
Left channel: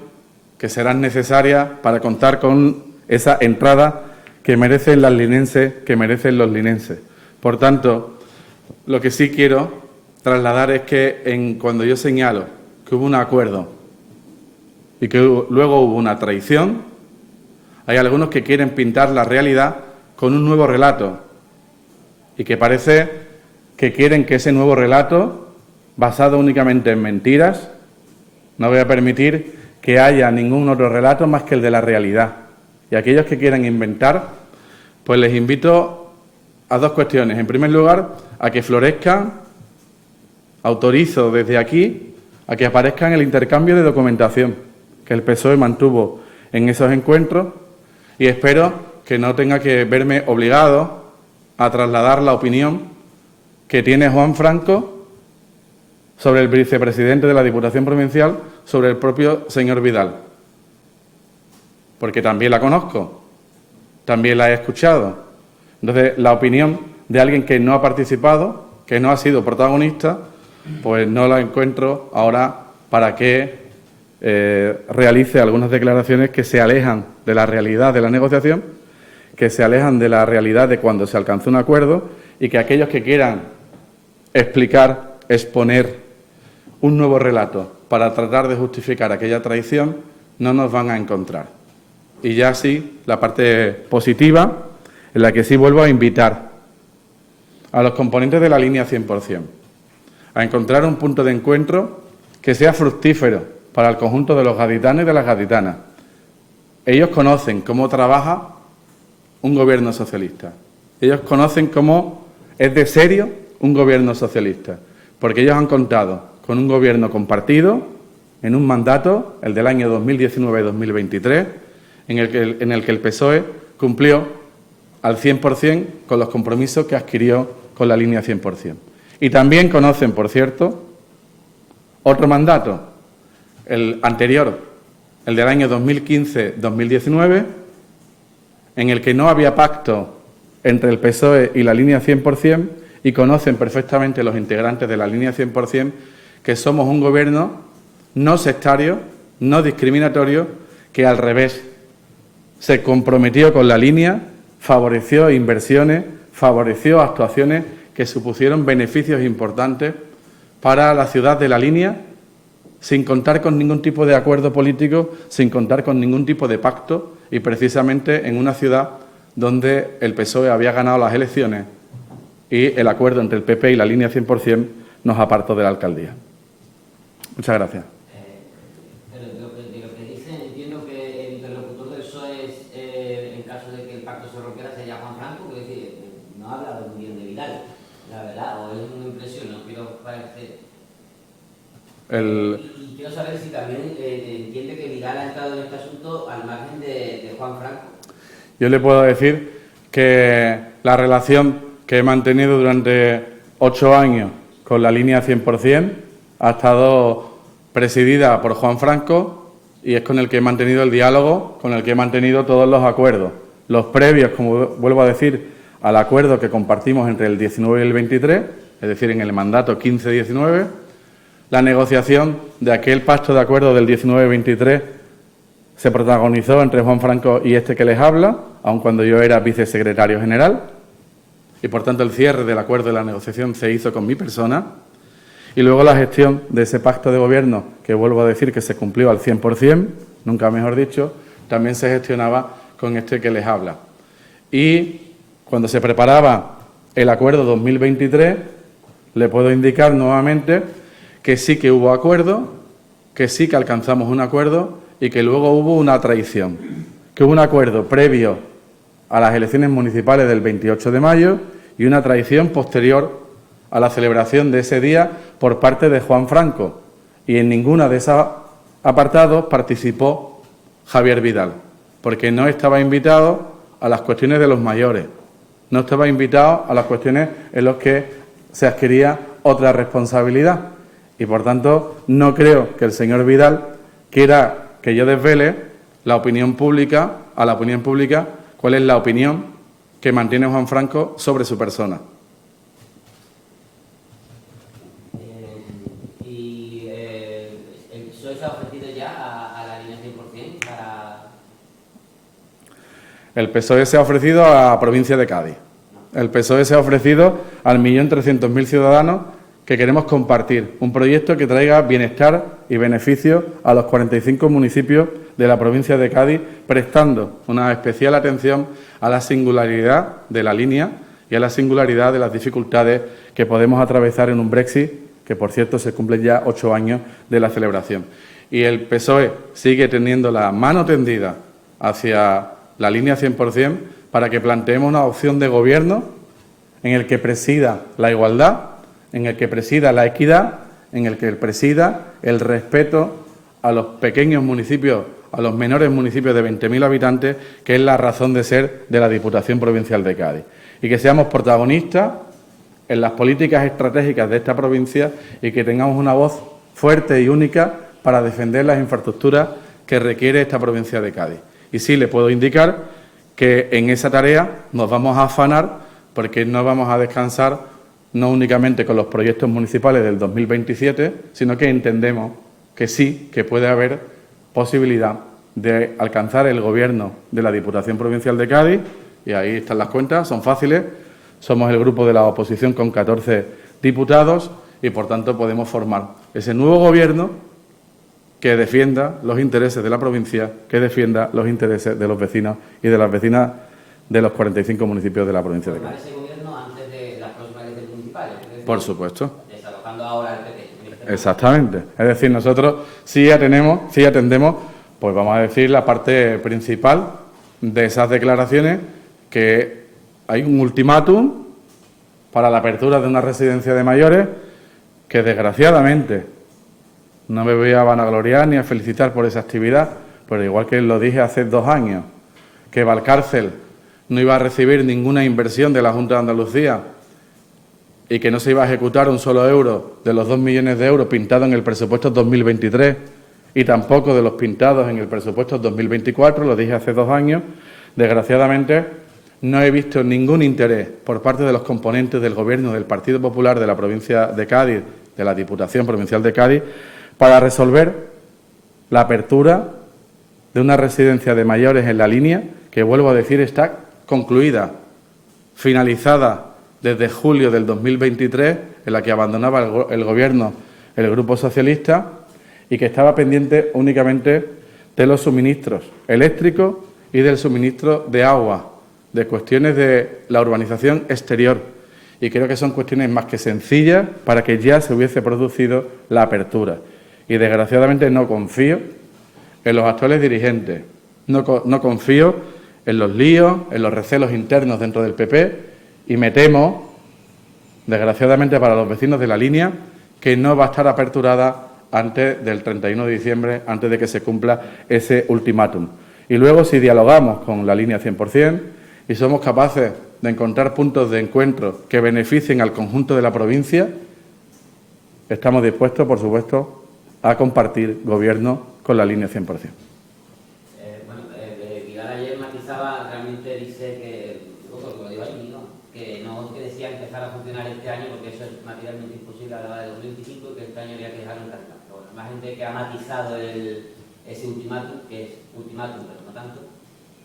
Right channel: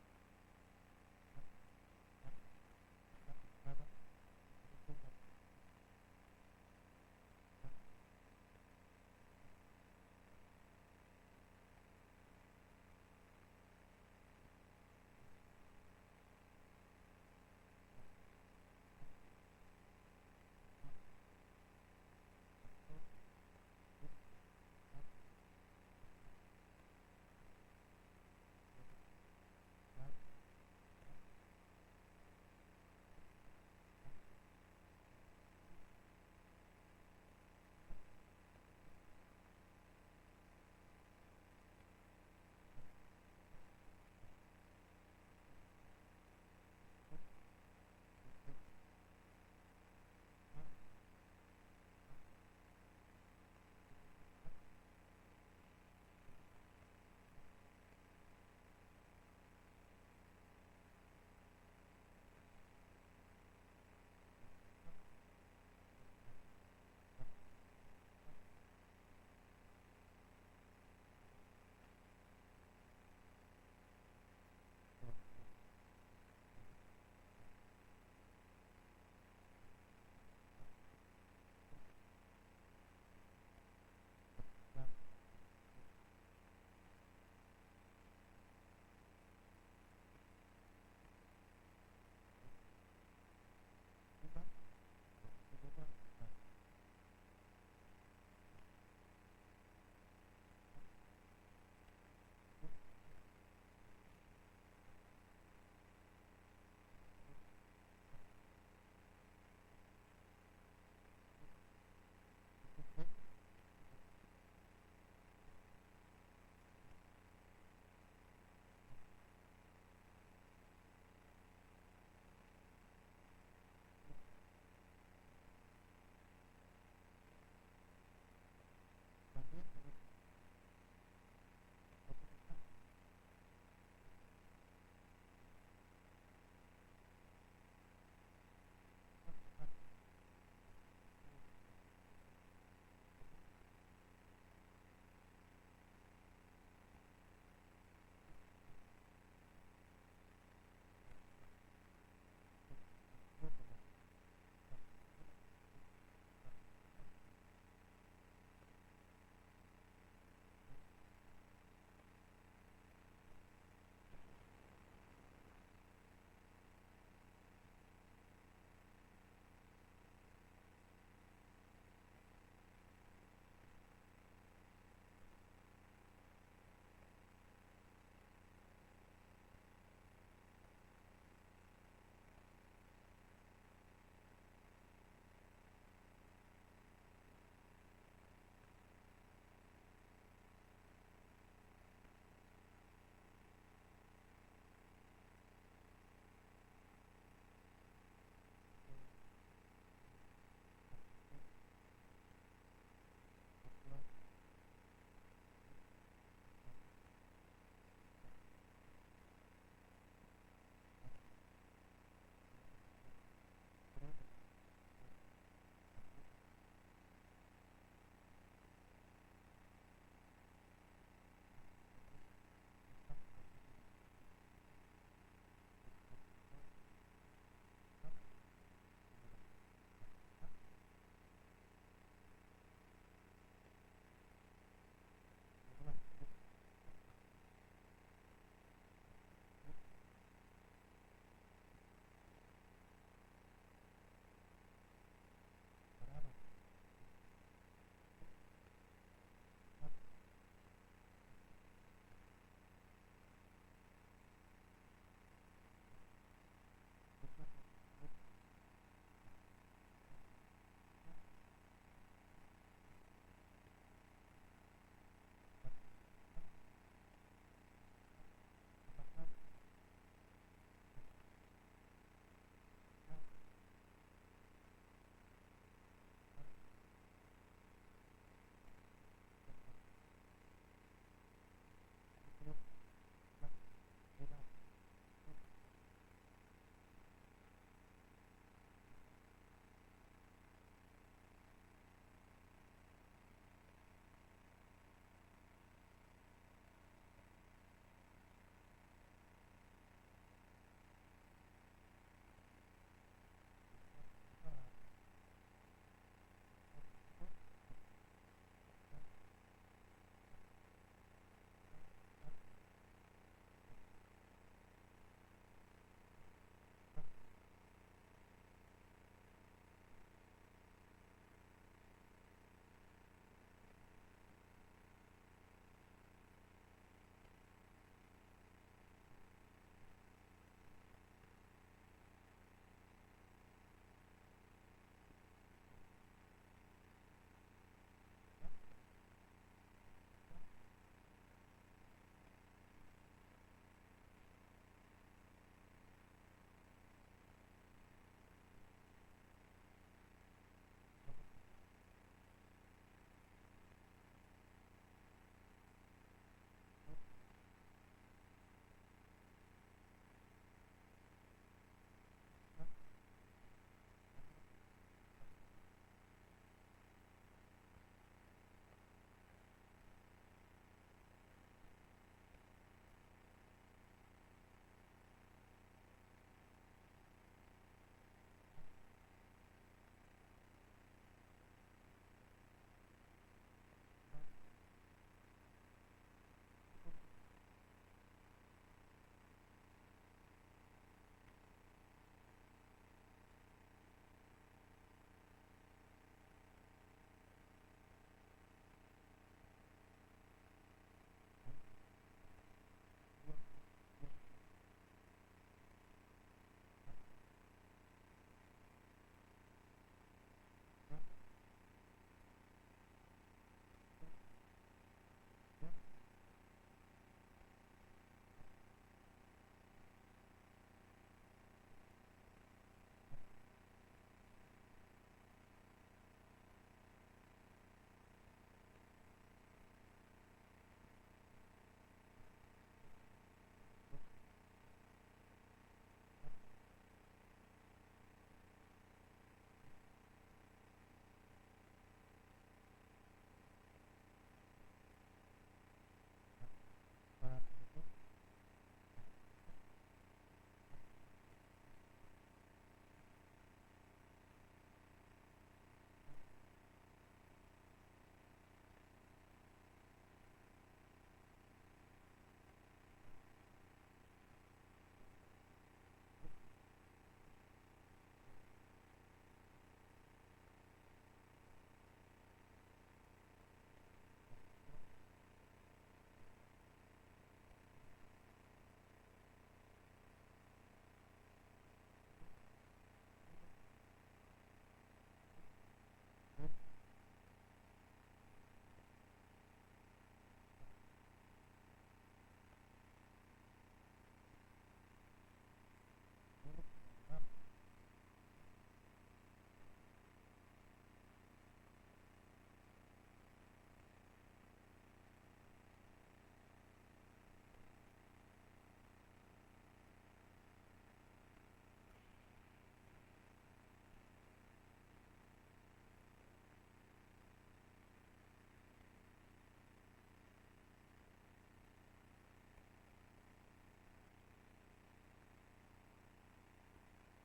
que serán necesarias para contar con esa entrada que merecen las linenses, que merecen los linenses. Por tanto, lo que sí quiero trasladar es que cuando yo señalo que hubo un acuerdo y que luego hubo una traición, hay algunos que quieren pintar la realidad con un nuevo relato y que parece que quieren que ese nuevo relato, basado únicamente en mentiras, no voy a permitir que haya ningún otro relato más que el de la realidad. Y aquellos que quieran inventar, pues les invito a 2 cuestiones. En primer lugar, a que florezcan, autorizo desde aquí, a que aparezcan el intercambio de documentación que el PSOE mantuvo en esos encuentros y espero que no tenga que verme obligado a trasladar la opinión que tiene Juan Franco sobre el vicepresidente de la Diputación Provincial, sobre el propio señor Vidal. Porque también la conozco, también la he escuchado. Entonces, la opinión de alguien que no ha participado, que no ha sido protagonista, pues no la encuentro ahora para que realice algunas declaraciones que se alejan de la realidad de la negociación, que se alejan de la realidad de cuando se alcanzó un acuerdo y que aquellos que quieran explicar, exponer un nuevo relato para tratar de justificar aquella traición no nos van a encontrar. Y ya sí, la parte positiva, en la que sí vuelvo a invitar a los componentes de la línea 100%, a encontrar un punto de encuentro que sea fructífero para el conjunto de los gaditanos y de las gaditanas. Ellos conocen cómo trabaja un gobierno socialista. Ellos conocen cómo es de serio un gobierno socialista, porque ellos han contado con un gobierno compartido en un mandato, el del año 2019-2023, en el que el PSOE cumplió al 100% con los compromisos que adquirió con la línea 100%. Y también conocen, por cierto, otro mandato, el anterior, el del año 2015-2019, en el que no había pacto entre el PSOE y la línea 100%, y conocen perfectamente los integrantes de la línea 100% que somos un gobierno no sectario, no discriminatorio, que al revés se comprometió con la línea, favoreció inversiones, favoreció actuaciones que supusieron beneficios importantes para la ciudad de la línea, sin contar con ningún tipo de acuerdo político, sin contar con ningún tipo de pacto, y precisamente en una ciudad donde el PSOE había ganado las elecciones y el acuerdo entre el PP y la línea 100% nos apartó de la alcaldía. Muchas gracias. Pero de lo que dicen, entiendo que el interlocutor del PSOE es, en caso de que el pacto se rompiera, sería Juan Franco, que es decir, no habla muy bien de Vidal, la verdad, o es una impresión, no quiero parecer. Y quiero saber si también entiende que Vidal ha entrado en este asunto al margen de Juan Franco. Yo le puedo decir que la relación que he mantenido durante 8 años con la línea 100% ha estado presidida por Juan Franco y es con el que he mantenido el diálogo, con el que he mantenido todos los acuerdos. Los previos, como vuelvo a decir, al acuerdo que compartimos entre el 19 y el 23, es decir, en el mandato 15-19, la negociación de aquel pacto de acuerdo del 19-23 se protagonizó entre Juan Franco y este que les habla, aun cuando yo era vicesecretario general, y por tanto el cierre del acuerdo de la negociación se hizo con mi persona, y luego la gestión de ese pacto de gobierno, que vuelvo a decir que se cumplió al 100%, nunca mejor dicho, también se gestionaba con este que les habla. Y cuando se preparaba el acuerdo 2023, le puedo indicar nuevamente que sí que hubo acuerdo, que sí que alcanzamos un acuerdo y que luego hubo una traición, que hubo un acuerdo previo a las elecciones municipales del 28 de mayo y una traición posterior a la celebración de ese día por parte de Juan Franco. Y en ninguna de esos apartados participó Javier Vidal, porque no estaba invitado a las cuestiones de los mayores, no estaba invitado a las cuestiones en las que se adquiría otra responsabilidad. Y, por tanto, no creo que el señor Vidal quiera que yo desvele la opinión pública, a la opinión pública, cuál es la opinión que mantiene Juan Franco sobre su persona. ¿El PSOE se ha ofrecido ya a la línea 100% para...? El PSOE se ha ofrecido a la provincia de Cádiz. El PSOE se ha ofrecido al 1.300.000 ciudadanos que queremos compartir un proyecto que traiga bienestar y beneficio a los 45 municipios de la provincia de Cádiz, prestando una especial atención a la singularidad de la línea y a la singularidad de las dificultades que podemos atravesar en un Brexit, que por cierto se cumplen ya 8 años de la celebración. Y el PSOE sigue teniendo la mano tendida hacia la línea 100% para que planteemos una opción de gobierno en el que presida la igualdad, en el que presida la equidad, en el que presida el respeto a los pequeños municipios, a los menores municipios de 20.000 habitantes, que es la razón de ser de la Diputación Provincial de Cádiz. Y que seamos protagonistas en las políticas estratégicas de esta provincia y que tengamos una voz fuerte y única para defender las infraestructuras que requiere esta provincia de Cádiz. Y sí le puedo indicar que en esa tarea nos vamos a afanar porque no vamos a descansar no únicamente con los proyectos municipales del 2027, sino que entendemos que sí, que puede haber posibilidad de alcanzar el gobierno de la Diputación Provincial de Cádiz, y ahí están las cuentas, son fáciles, somos el grupo de la oposición con 14 diputados y, por tanto, podemos formar ese nuevo gobierno que defienda los intereses de la provincia, que defienda los intereses de los vecinos y de las vecinas de los 45 municipios de la provincia de Cádiz. Ese gobierno antes de las próximas elecciones municipales. Por supuesto. Desalojando ahora el PP. Exactamente. Es decir, nosotros sí atendemos, pues vamos a decir, la parte principal de esas declaraciones, que hay un ultimátum para la apertura de una residencia de mayores que, desgraciadamente, no me voy a vanagloriar ni a felicitar por esa actividad, pero igual que lo dije hace 2 años, que Valcárcel no iba a recibir ninguna inversión de la Junta de Andalucía y que no se iba a ejecutar un solo euro de los 2 millones de euros pintados en el presupuesto 2023 y tampoco de los pintados en el presupuesto 2024, lo dije hace 2 años, desgraciadamente no he visto ningún interés por parte de los componentes del Gobierno del Partido Popular de la provincia de Cádiz, de la Diputación Provincial de Cádiz, para resolver la apertura de una residencia de mayores en La Línea, que, vuelvo a decir, está concluida, finalizada desde julio del 2023, en la que abandonaba el Gobierno el Grupo Socialista y que estaba pendiente únicamente de los suministros eléctricos y del suministro de agua, de cuestiones de la urbanización exterior. Y creo que son cuestiones más que sencillas para que ya se hubiese producido la apertura. Y desgraciadamente no confío en los actuales dirigentes, no confío en los líos, en los recelos internos dentro del PP y me temo, desgraciadamente para los vecinos de La Línea, que no va a estar aperturada antes del 31 de diciembre, antes de que se cumpla ese ultimátum. Y luego, si dialogamos con La Línea 100% y somos capaces de encontrar puntos de encuentro que beneficien al conjunto de la provincia, estamos dispuestos, por supuesto, a compartir gobierno con La Línea 100%. Vidal ayer matizaba, realmente dice que, lo digo ahí, ¿no?, que no que decía empezar a funcionar este año porque eso es materialmente imposible a la hora de 2025 y que este año había que dejarlo en carta. Bueno, más gente que ha matizado ese ultimátum, que es ultimátum, pero no tanto.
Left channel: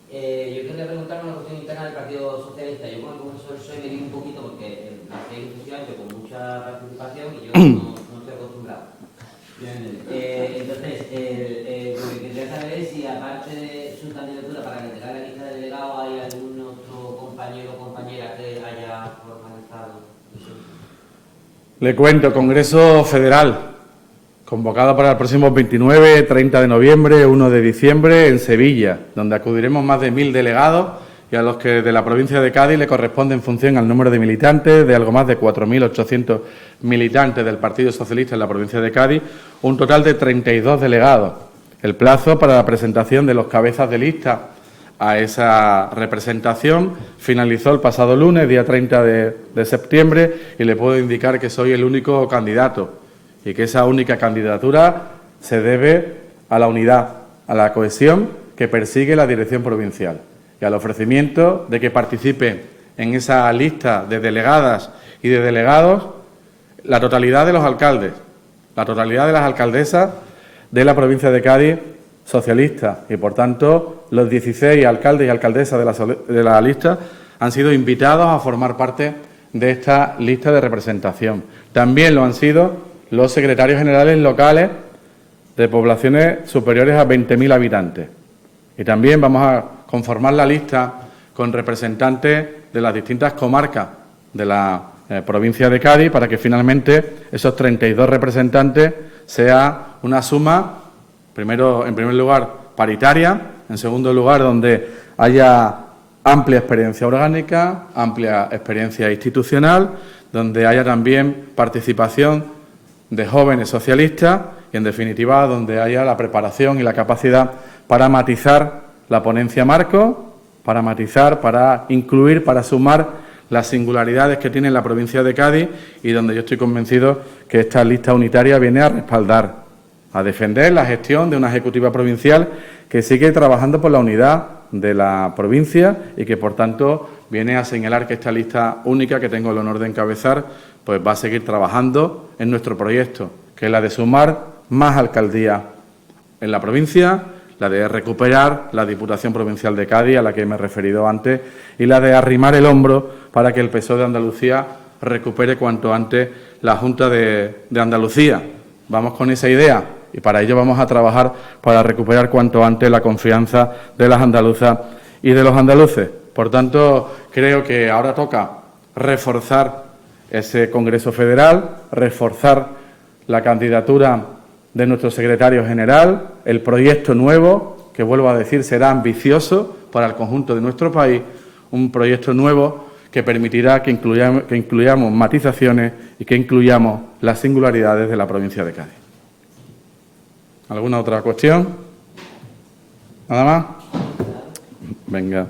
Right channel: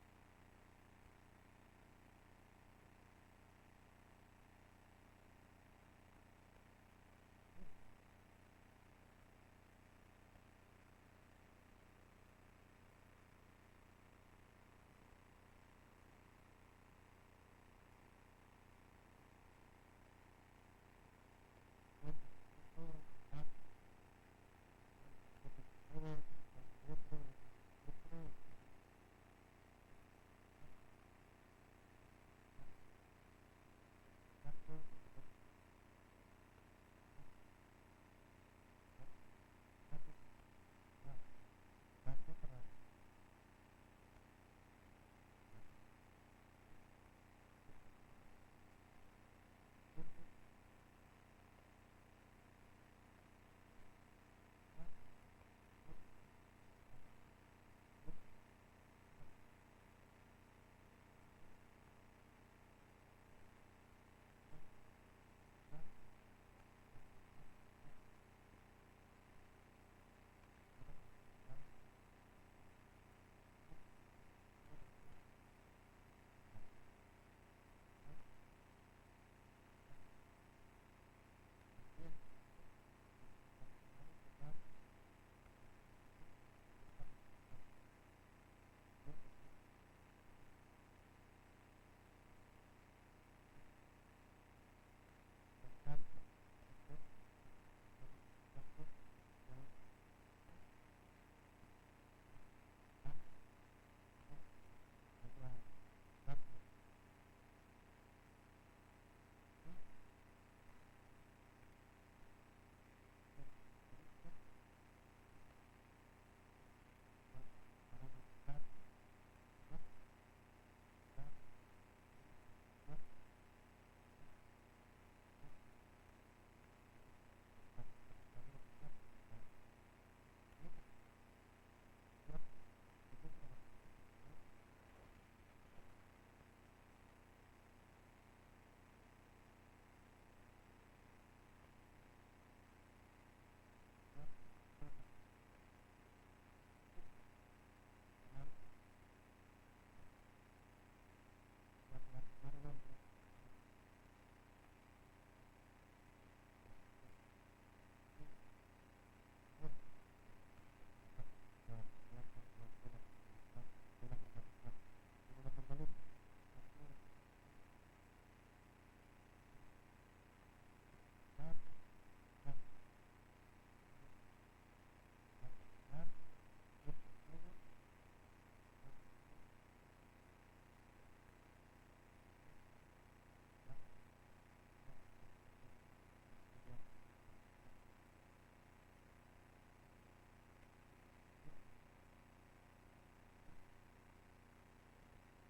Yo quería preguntarme una cuestión interna del Partido Socialista. Yo con el profesor Soy me di un poquito porque hacía efectivamente con mucha participación y yo no estoy acostumbrado. Entonces, lo que quería saber es si, aparte de su candidatura para que tenga la lista de delegados, hay algún otro compañero o compañera que haya formalizado. Le cuento, Congreso Federal, convocado para el próximo 29, 30 de noviembre, 1 de diciembre, en Sevilla, donde acudiremos más de 1.000 delegados y a los que de la provincia de Cádiz le corresponde en función al número de militantes, de algo más de 4.800 militantes del Partido Socialista en la provincia de Cádiz, un total de 32 delegados. El plazo para la presentación de los cabezas de lista a esa representación finalizó el pasado lunes, día 30 de septiembre, y le puedo indicar que soy el único candidato y que esa única candidatura se debe a la unidad, a la cohesión que persigue la dirección provincial y al ofrecimiento de que participe en esa lista de delegadas y de delegados la totalidad de los alcaldes, la totalidad de las alcaldesas de la provincia de Cádiz socialista y, por tanto, los 16 alcaldes y alcaldesas de la lista han sido invitados a formar parte de esta lista de representación. También lo han sido los secretarios generales locales de poblaciones superiores a 20.000 habitantes. Y también vamos a conformar la lista con representantes de las distintas comarcas de la provincia de Cádiz para que finalmente esos 32 representantes sea una suma, en primer lugar, paritaria, en segundo lugar, donde haya amplia experiencia orgánica, amplia experiencia institucional, donde haya también participación de jóvenes socialistas y, en definitiva, donde haya la preparación y la capacidad para matizar la ponencia marco, para matizar, para incluir, para sumar las singularidades que tiene la provincia de Cádiz y donde yo estoy convencido que esta lista unitaria viene a respaldar, a defender la gestión de una ejecutiva provincial que sigue trabajando por la unidad de la provincia y que, por tanto, viene a señalar que esta lista única que tengo el honor de encabezar pues va a seguir trabajando en nuestro proyecto, que es la de sumar más alcaldías en la provincia, la de recuperar la Diputación Provincial de Cádiz, a la que me he referido antes, y la de arrimar el hombro para que el PSOE de Andalucía recupere cuanto antes la Junta de Andalucía. Vamos con esa idea y para ello vamos a trabajar para recuperar cuanto antes la confianza de las andaluzas y de los andaluces. Por tanto, creo que ahora toca reforzar ese Congreso Federal, reforzar la candidatura de nuestro secretario general, el proyecto nuevo, que vuelvo a decir será ambicioso para el conjunto de nuestro país, un proyecto nuevo que permitirá que incluyamos matizaciones y que incluyamos las singularidades de la provincia de Cádiz. ¿Alguna otra cuestión? ¿Nada más? Venga.